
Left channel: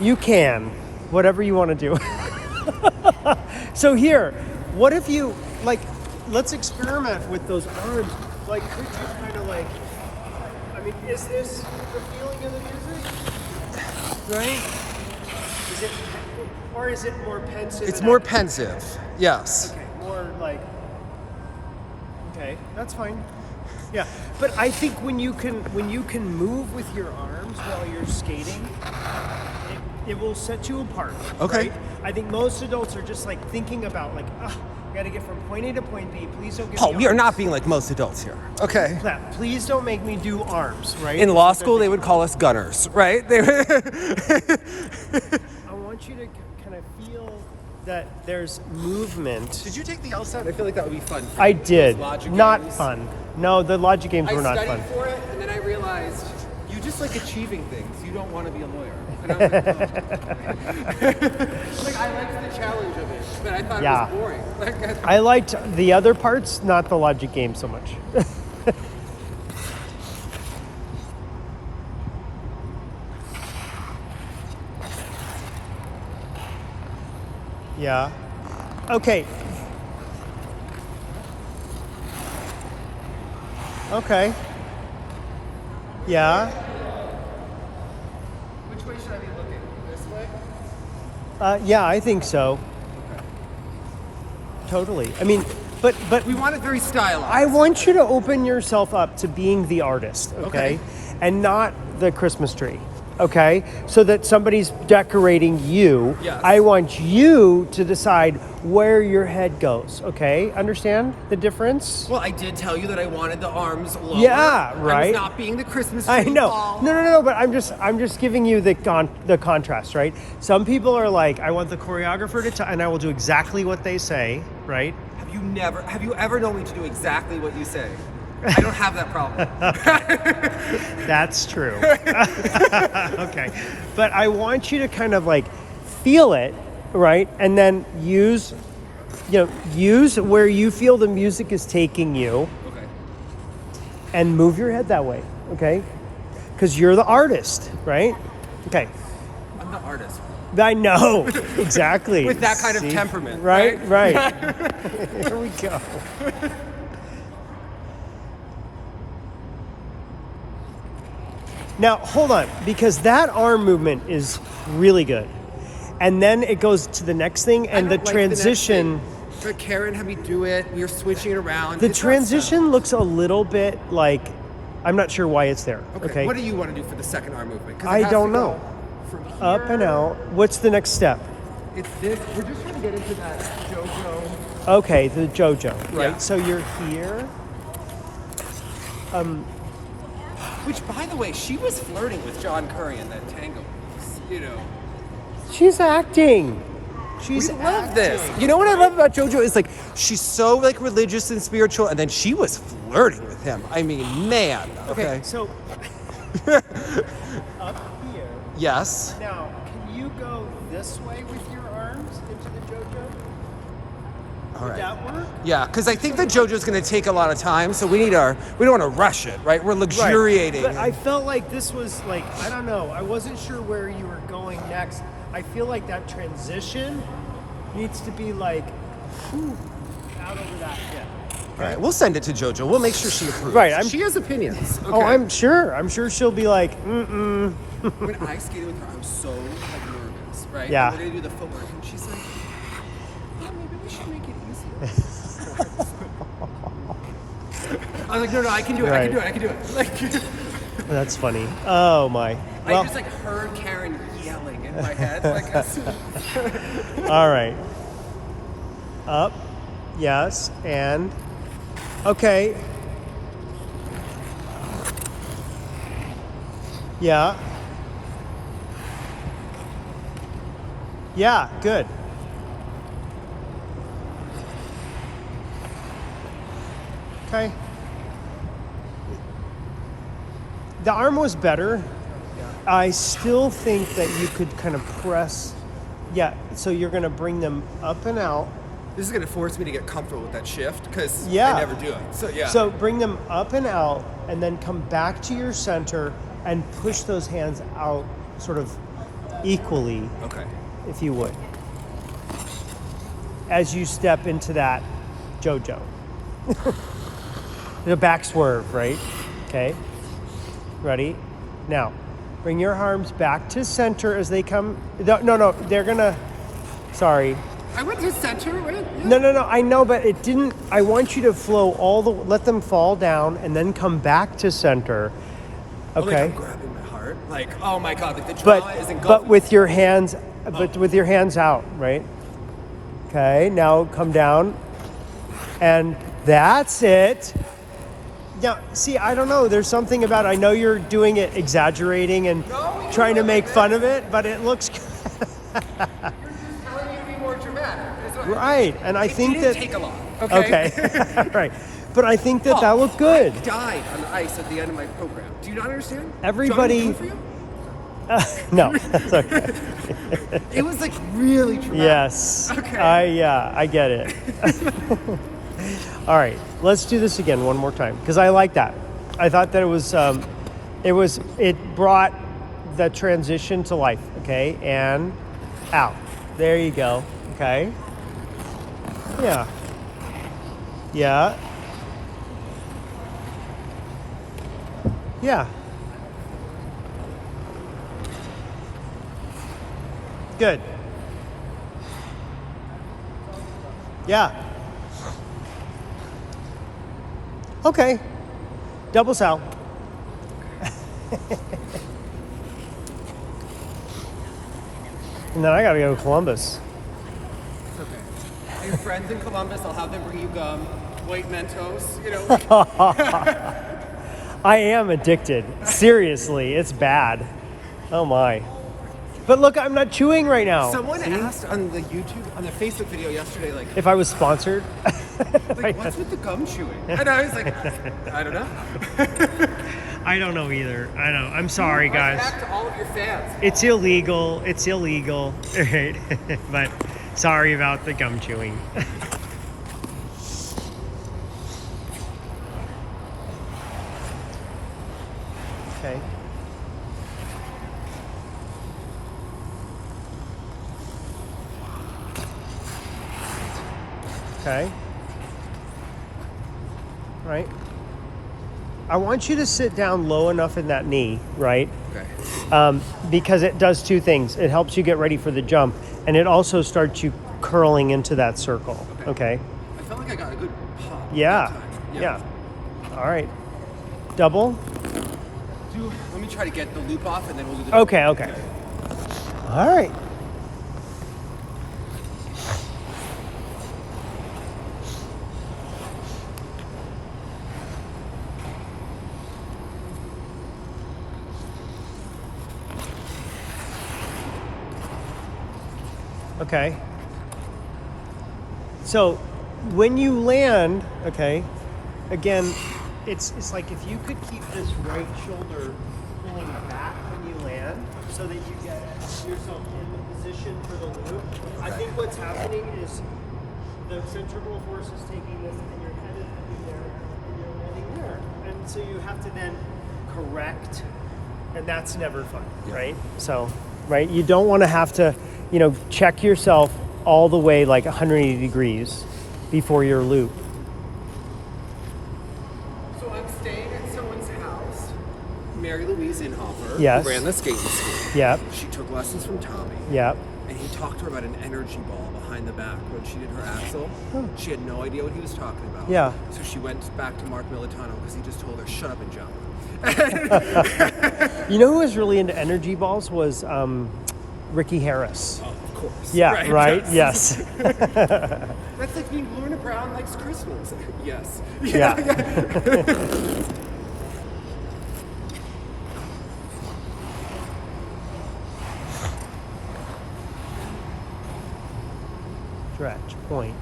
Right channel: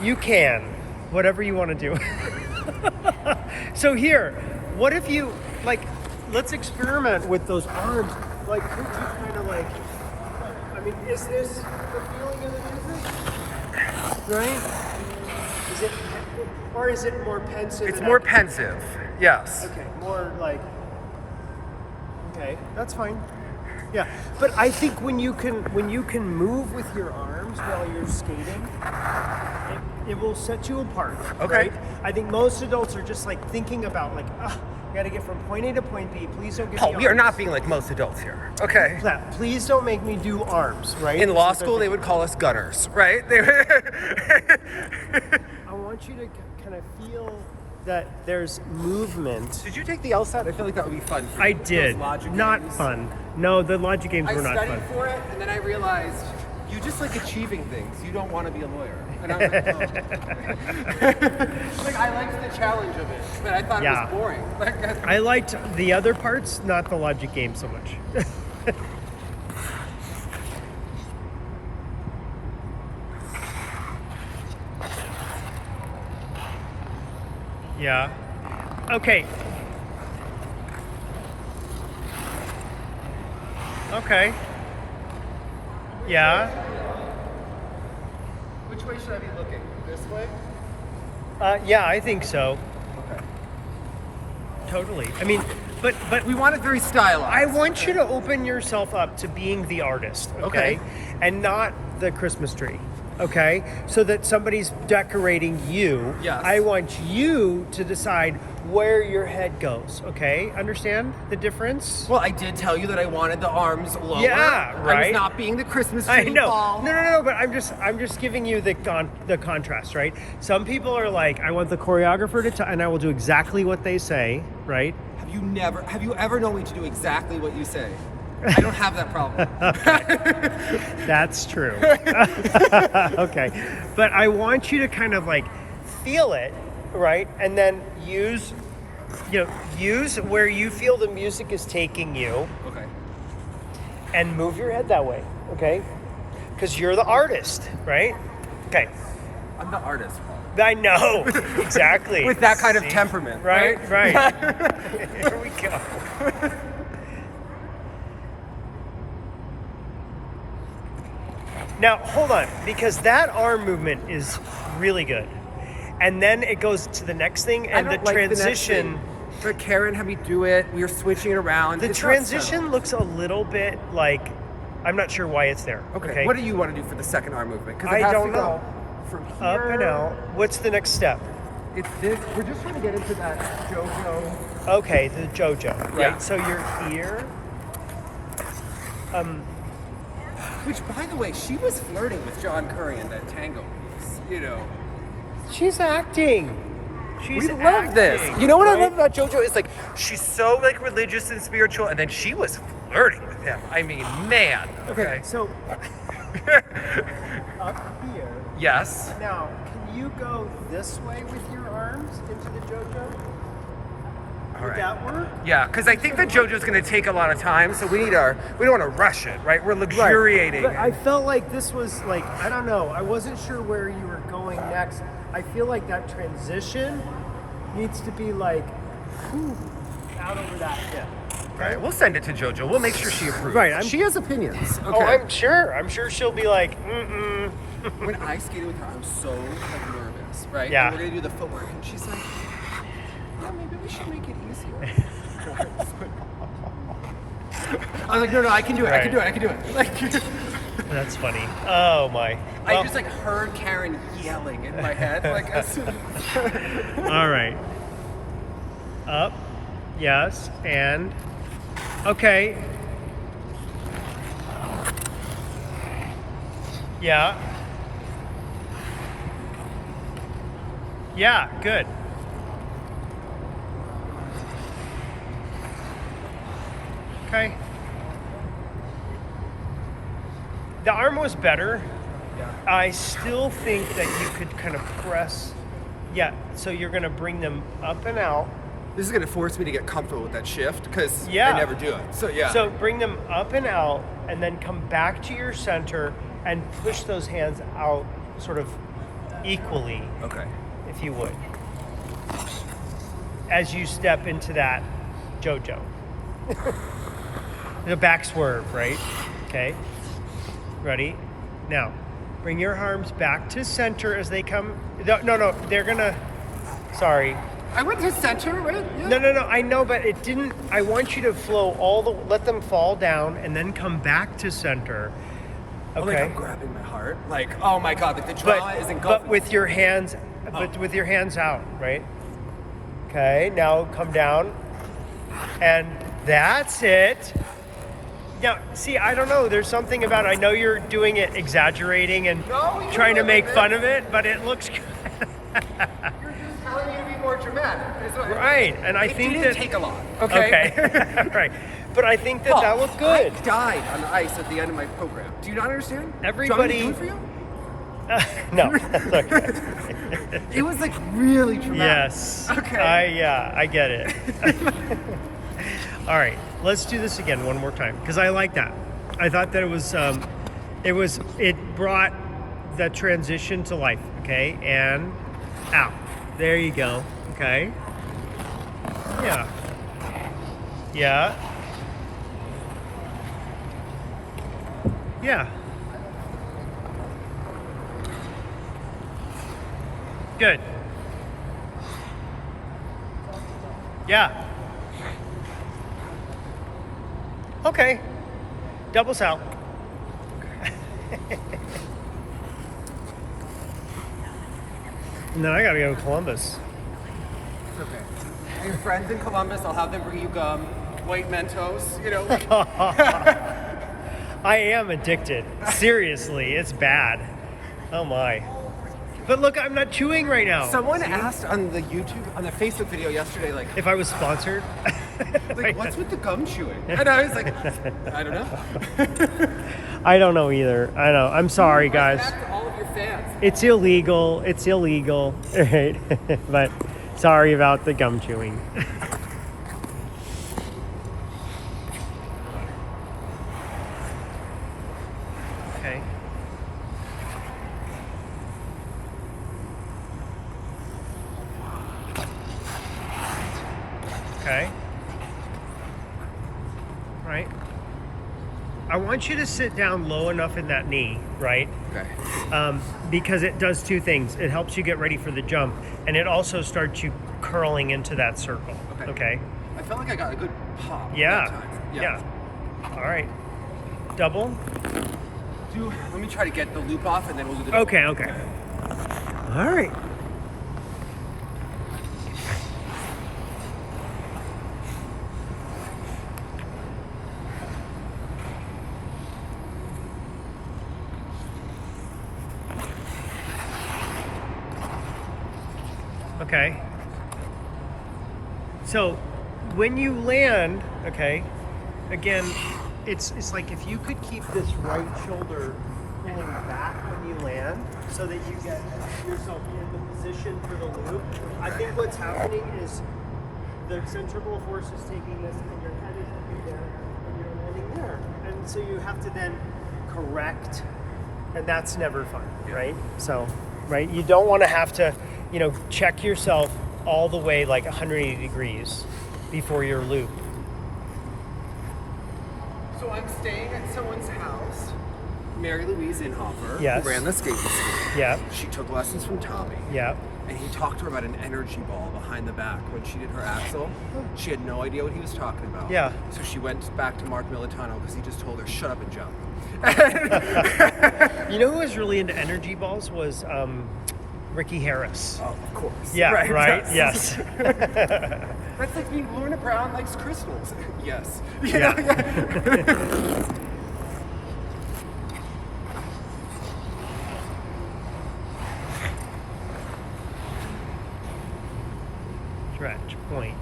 You can, whatever you want to do. So here, what if you like? Let's experiment with those arms. Like, could you kind of like? I mean, is this the feeling of the music? Right? Is it, or is it more pensive? It's and more active? pensive. Yes. Okay, more like. Okay, that's fine. Yeah, but I think when you can move with your arms while you're skating, it will set you apart. Okay. Right? I think most adults are just like thinking about like, I got to get from point A to point B. Please don't give me Paul, arms. we are not being like most adults here. Okay. That. Please don't make me do arms. Right? In Is law what they're school, they thinking. would call us gunners, right? I want you to kind of feel that there's movement. Did you take the LSAT? I feel like that would be fun. For I you. Those did. logic Not games. fun. No, the logic games I were not studied fun. for it, and then I realized you just like achieving things. You don't want to be a lawyer. And I was like, oh. Like, I liked the challenge of it, but I thought Yeah. it was boring. Like, I liked the other parts, not the logic game so much. Yeah. Okay. Okay. Yeah. Which way should I be looking? This way? Yeah, I think so. Okay. Totally. I mean, but We want it very stylized. I want you to open yourself up to being the artist, okay? Okay. And not the Christmas tree, okay? So that somebody's decorating you. Yes. I want you to decide where your head goes, okay? Understand the difference? Well, I did tell you that I wanted the arms lower. Yeah, I was right. not being the Christmas tree. I know. Paul. No, but I'm just giving you the contrast, right? Some people are like, I want the choreographer to and I will do exactly what they say, right? Have you ever known me to do exactly what you say? I don't have that problem. That's true. Okay. But I want you to kind of like feel it, right? And then use where you feel the music is taking you Okay. and move your head that way, okay? Because you're the artist, right? Okay. I'm the artist. I know. Exactly. With that kind of See? temperament, Right. Here we go. Now, hold on, because that arm movement is really good. And then it goes to the next thing, and I the don't like transition. The next thing. But Karen had me do it. We were switching it around. The It's not transition settled. looks a little bit like, I'm not sure why it's there. Okay. What do you want to do for the second arm movement? Because I it has don't to know. go from here. Up and out. What's the next step? It's this. We're just trying to get into that JoJo. Okay, the JoJo. Right? Yeah. So you're here. Which, by the way, she was flirting with John Curry in that tango piece. You know. She's acting. We She's love this. acting. You know what I love about JoJo is like she's so like religious and spiritual, and then she was flirting with him. I mean, man. Okay, so up here. Yes. Now, can you go this way with your arms into the JoJo? All Would right. that work? Yeah, because I think the JoJo's going to take a lot of time, so we don't want to rush it, right? We're luxuriating. But I felt like this was like, I don't know, I wasn't sure where you were going next. I feel like that transition needs to be like, whew, out over that hip. All right, we'll send it to JoJo. We'll make sure she approves. Right, she has opinions. Oh, Okay. I'm sure she'll be like, When I skated with her, I was so like nervous, right? Yeah. And we're gonna do the footwork, and she's like, "Yeah, maybe we should make it easier." I was like, "No, I can do it. I can do it. I can do it." Like, That's funny. Oh my. I Well, just like heard Karen yelling in my head, like as soon as all right. Up. Yes. And. Okay. Yeah. Yeah, good. Okay. The arm was better. Yeah. I still think that you could kind of press. Yeah, so you're going to bring them up and out. This is gonna force me to get comfortable with that shift because Yeah. I never do it. So yeah. So bring them up and out, and then come back to your center and push those hands out sort of equally, okay. if you would, as you step into that JoJo. The back swerve, right? Okay. Ready? Now, bring your arms back to center as they come. No, they're gonna. Sorry. I went to center, right? Yeah. No, I know, but it didn't. I want you to flow let them fall down and then come back to center. Oh, Okay. like I'm grabbing my heart. Like, oh my god, like the drama is but engulfing. with your hands, but with your hands out, right? Okay, now come down. And that's it. Yeah, see, I don't know. There's something about it. I know you're doing it exaggerating and No, you trying do to it make like fun this. of it, but it looks good. You're just telling me to be more dramatic. It's what- Right, and I it think didn't that take a lot. Okay. Okay. Right. But I think that Paul, that looked I good. died on the ice at the end of my program. Do you not understand? Everybody- Do you want me to do it for you? No. that's okay. It was like really dramatic. Yes. Okay. I get it. All right, let's do this again one more time because I like that. I thought that it brought the transition to life. Okay, and out. There you go. Okay. Okay. Yeah. Yeah. Yeah. Good. Yeah. Okay. Double sal. And then I gotta go to Columbus. It's okay. Your friends in Columbus, I'll have them bring you gum, white Mentos, you know. I am addicted. Seriously, it's bad. Oh my. But look, I'm not chewing right now. Someone asked on the Facebook video yesterday, like, If I was sponsored. what's with the gum chewing? And I was like, I don't know. I don't know either. I know. I'm sorry, guys. Back to all of your fans. It's illegal. It's illegal. Right? But sorry about the gum chewing. Okay. Okay. Right. I want you to sit down low enough in that knee, right? Okay. Because it does two things. It helps you get ready for the jump, and it also starts you curling into that circle. Okay. I felt like I got a good pop Yeah. that time. Yeah. All right. Double. Let me try to get the loop off and then we'll do the double. Okay. Okay. All right. Okay. So when you land, okay, again, it's like if you could keep this right shoulder pulling back when you land so that you get yourself in the position for the loop. I think what's happening is the centrifugal force is taking this and your head is looking there and you're landing there. And so you have to then correct, and that's never fun, right? So, right, you don't want to have to, check yourself all the way like 180 degrees before your loop. So I'm staying at someone's house, Mary Louise Inhofer, Yes. who ran the skating school. Yeah, She took lessons from Tommy. yeah. And he talked to her about an energy ball behind the back when she did her axle. She had no idea what he was talking about. Yeah. So she went back to Mark Militano because he just told her, shut up and jump. You know who was really into energy balls was Ricky Harris. Oh, of course. Yeah, right? Yes. That's like being Lorna Brown likes crystals. Yes. Yeah. Stretch, point.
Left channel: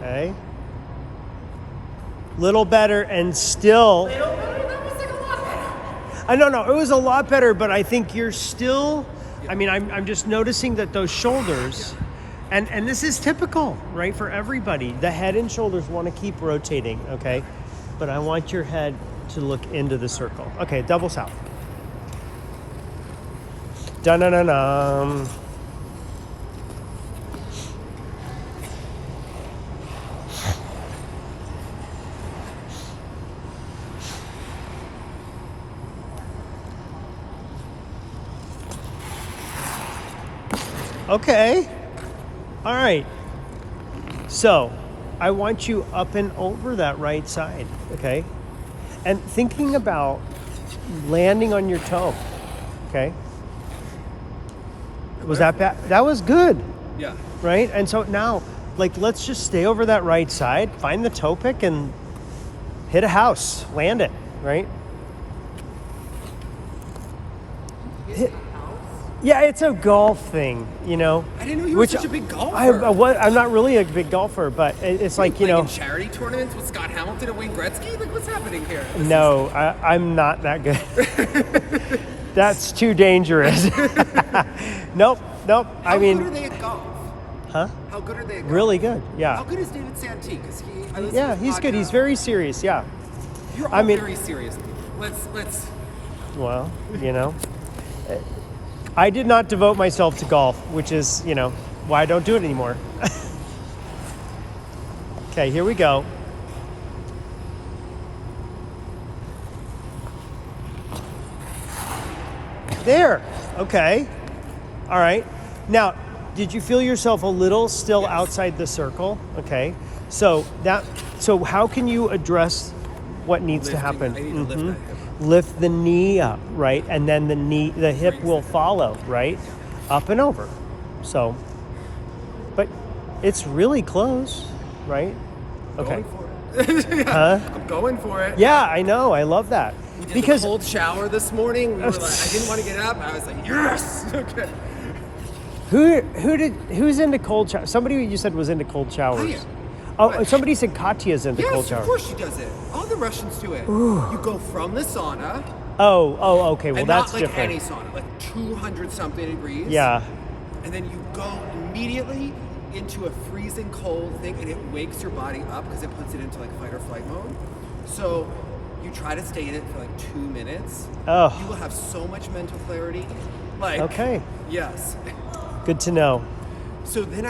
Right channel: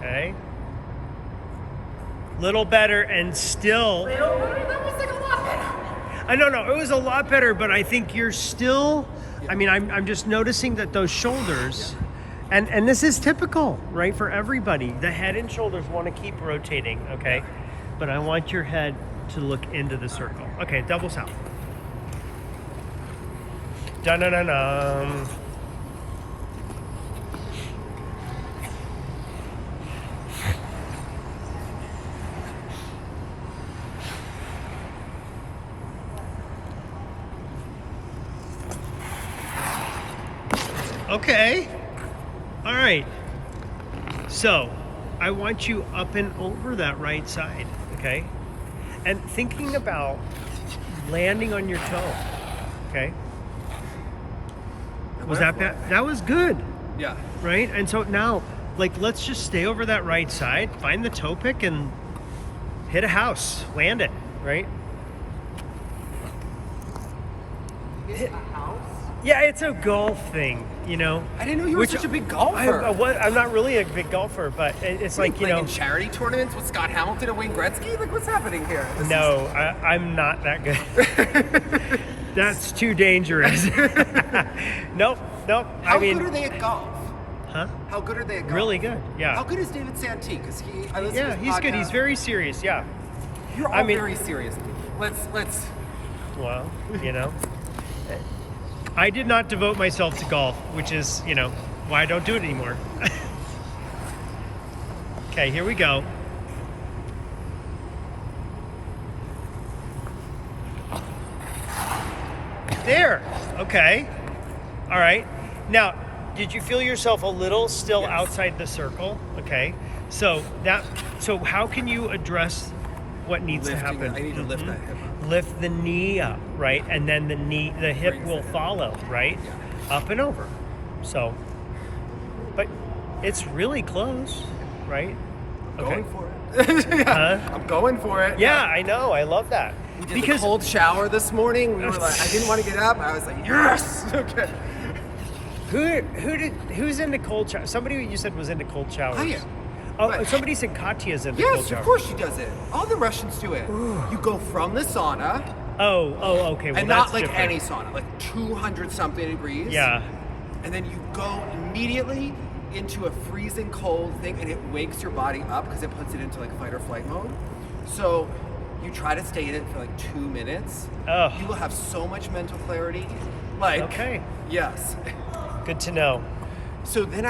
Okay. Little better and still. That was like a lot better. I don't know. It was a lot better, but I think you're still. I mean, I'm just noticing that those shoulders, and this is typical, right, for everybody. The head and shoulders want to keep rotating, okay? But I want your head to look into the circle. Okay, double south. Dun-dun-dun-dun. Okay. All right. So I want you up and over that right side, okay? And thinking about landing on your toe, okay? Was that bad? That was good, Yeah. right? And so now, like, let's just stay over that right side, find the toe pick and hit a house, land it, right? Hit a house? Yeah, it's a golf thing, you know? I didn't know you were Which such a big golfer. I'm not really a big golfer, but it's like, you playing know. in charity tournaments with Scott Hamilton and Wayne Gretzky? Like, what's happening here? No, I'm not that good. That's too dangerous. Nope. How good are they at golf? Huh? How good are they at golf? Really good. How Yeah. good is David Santee? Because I listen to Yeah, his he's good. He's podcast. very serious. Yeah. You're all I mean- very serious. Let's. Well, you know. I did not devote myself to golf, which is, why I don't do it anymore. Okay, here we go. There. Okay. All right. Now, did you feel yourself a little still Yes. outside the circle? Okay. So how can you address what needs to happen? I need to lift that hip up. Lift the knee up, right? And then the hip Brings will the hip. follow, right? Yeah. Up and over. So, but it's really close, right? Going for it. Yeah, I'm going for it. Yeah, I know. I love that. We did the cold shower this morning. We were like, I didn't want to get up. I was like, yes. Okay. who's into cold showers? Somebody you said was into cold showers. I am. Oh, But- somebody said Katya's into cold Yes, showers. of course she does it. All the Russians do it. You go from the sauna, Oh, okay. Well, and that's not like different. any sauna, like 200 something degrees. Yeah. And then you go immediately into a freezing cold thing, and it wakes your body up because it puts it into like fight or flight mode. So you try to stay in it for like 2 minutes. Oh. You will have so much mental clarity. Like, Okay. yes. Good to know. So then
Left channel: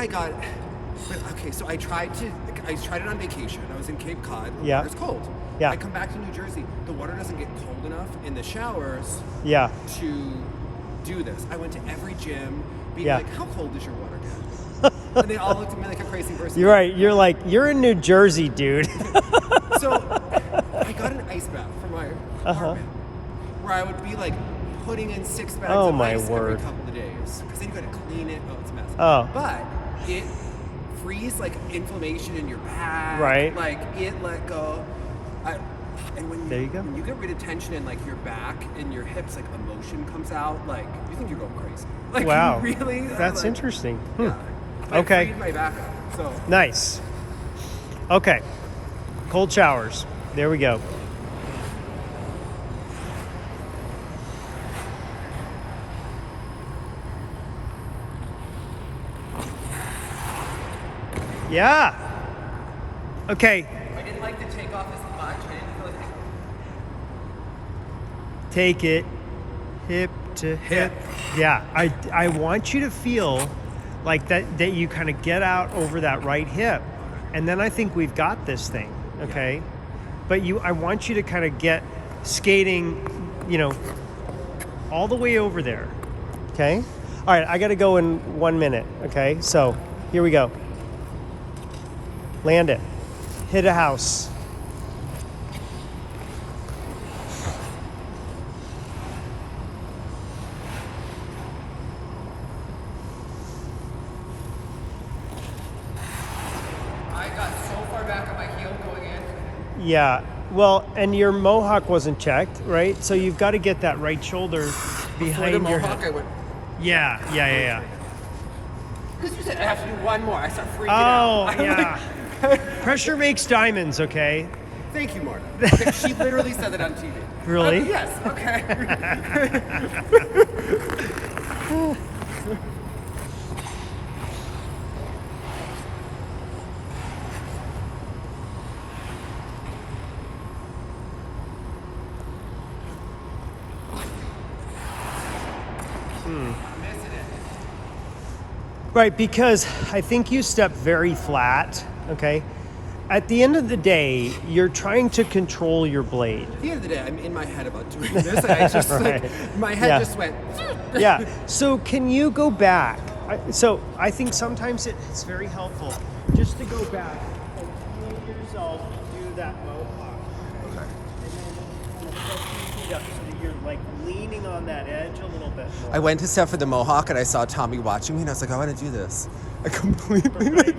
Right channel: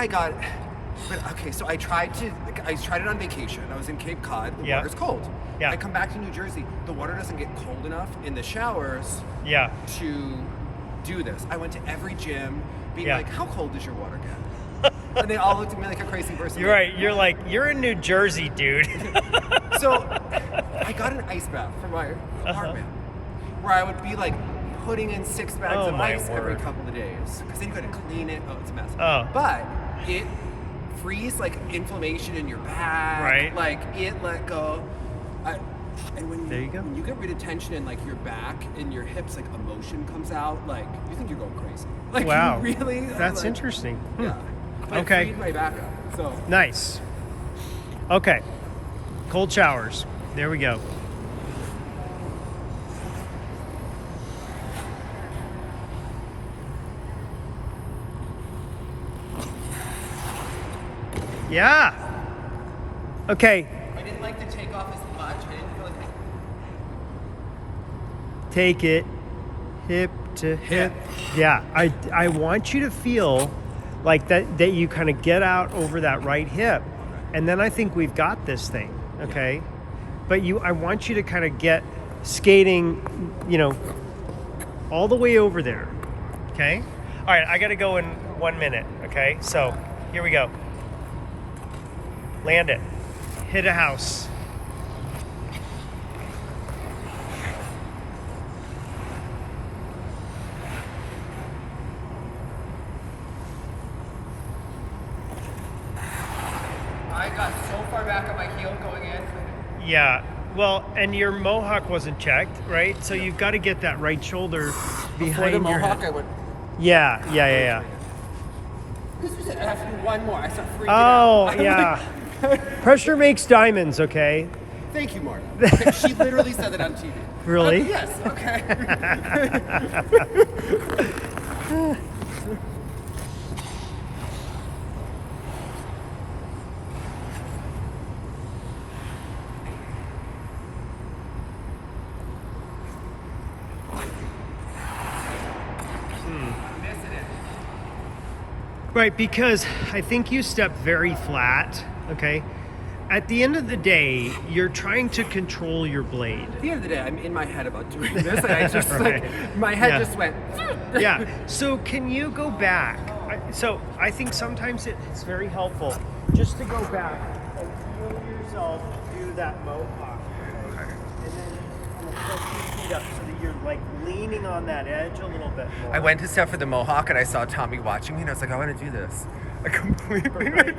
so I tried it on vacation. I was in Cape Cod. The Yeah. water's cold. Yeah. I come back to New Jersey. The water doesn't get cold enough in the showers Yeah. to do this. I went to every gym being Yeah. like, how cold does your water get? And they all looked at me like a crazy person. You're right. You're like, you're in New Jersey, dude. So I got an ice bath for my apartment where I would be like putting in 6 bags Oh, of my ice every word. couple of days because then you got to clean it. Oh, it's a mess. Oh. But it frees like inflammation in your back. Right. Like it let go. And when There you go. when you get rid of tension in like your back and your hips, like emotion comes out. Like you think you're going crazy. Like Wow. you really. That's like, interesting. Yeah. But Okay. It freed my back up. So. Nice. Okay. Cold showers. There we go. Yeah. Okay. I didn't like the takeoff as much. I didn't feel like Take it hip to hip. Yeah. I want you to feel like that you kind of get out over that right hip. And then I think we've got this thing. Okay. But I want you to kind of get skating, all the way over there. Okay. All right. I got to go in 1 minute. Okay. So here we go. Land it. Hit a house. I got so far back on my heel going in. Yeah. Well, and your mohawk wasn't checked, right? So you've got to get that right shoulder For behind the your mohawk, head. I went. Yeah. Because you said I have to do one more. I start freaking Oh, out. I'm yeah. Pressure makes diamonds, okay? like, thank you, Marta. Okay, she literally said that on TV. Really? Yes. Okay. I'm missing it. Right, because I think you step very flat, okay? At the end of the day, you're trying to control your blade. At the end of the day, I'm in my head about doing this. And I just Right. like my head Yeah. just went. Yeah. So can you go back? So I think sometimes it's very helpful just to go back and feel yourself do that mohawk, okay? And then kind of press your feet up so that you're like leaning on that edge a little bit more. I went to step for the mohawk and I saw Tommy watching me and I was like, I want to do this. I completely like.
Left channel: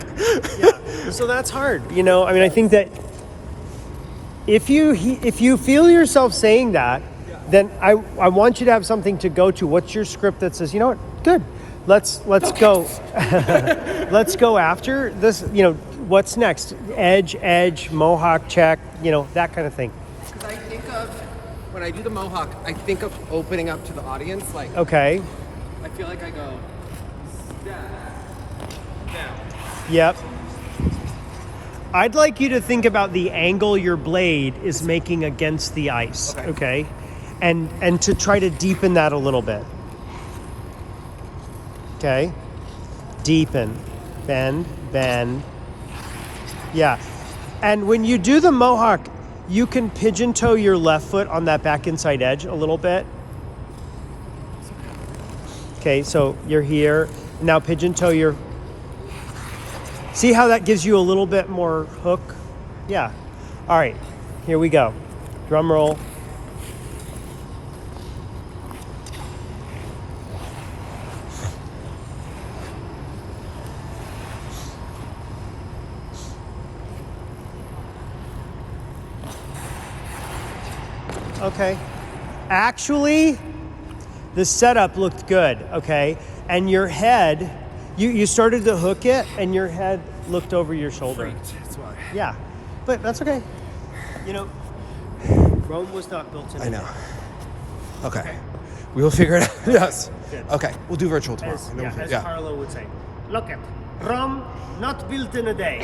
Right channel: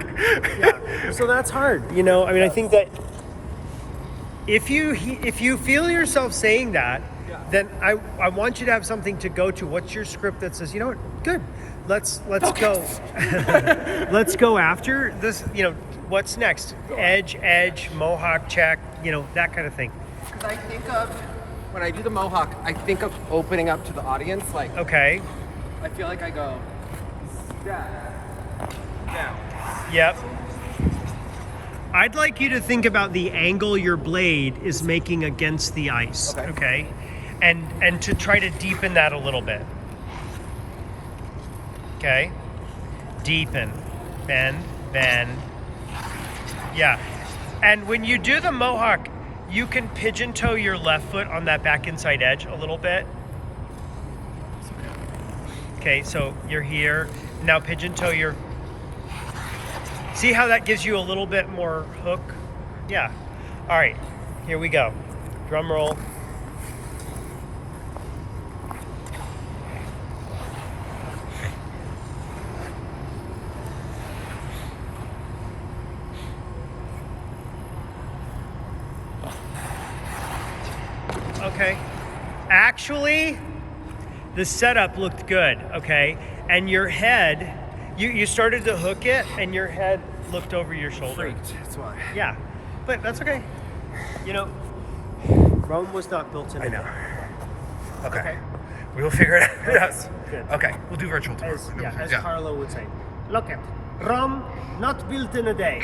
Yeah. So that's hard. I mean, I think that if you feel yourself saying that, then I want you to have something to go to. What's your script that says, you know what, good. Let's go. Let's go after this. What's next? Edge, mohawk check. That kind of thing. Because I think of when I do the mohawk, I think of opening up to the audience. Like Okay. I feel like I go down. Yep. I'd like you to think about the angle your blade is making against the ice. Okay. And to try to deepen that a little bit. Okay. Deepen. Bend, bend. Yeah. And when you do the mohawk, you can pigeon toe your left foot on that back inside edge a little bit. Okay, so you're here. Now pigeon toe your... See how that gives you a little bit more hook? Yeah. All right, here we go. Drum roll. Okay. Actually, the setup looked good, okay? And your head, you started to hook it and your head looked over your shoulder. Freaked. That's why. Yeah, but that's okay. You know, Rome was not built in a day. Okay. We will figure it out. Okay, Yes. good. Okay. We'll do virtual tomorrow. As Carlo would say, look at Rome, not built in a day.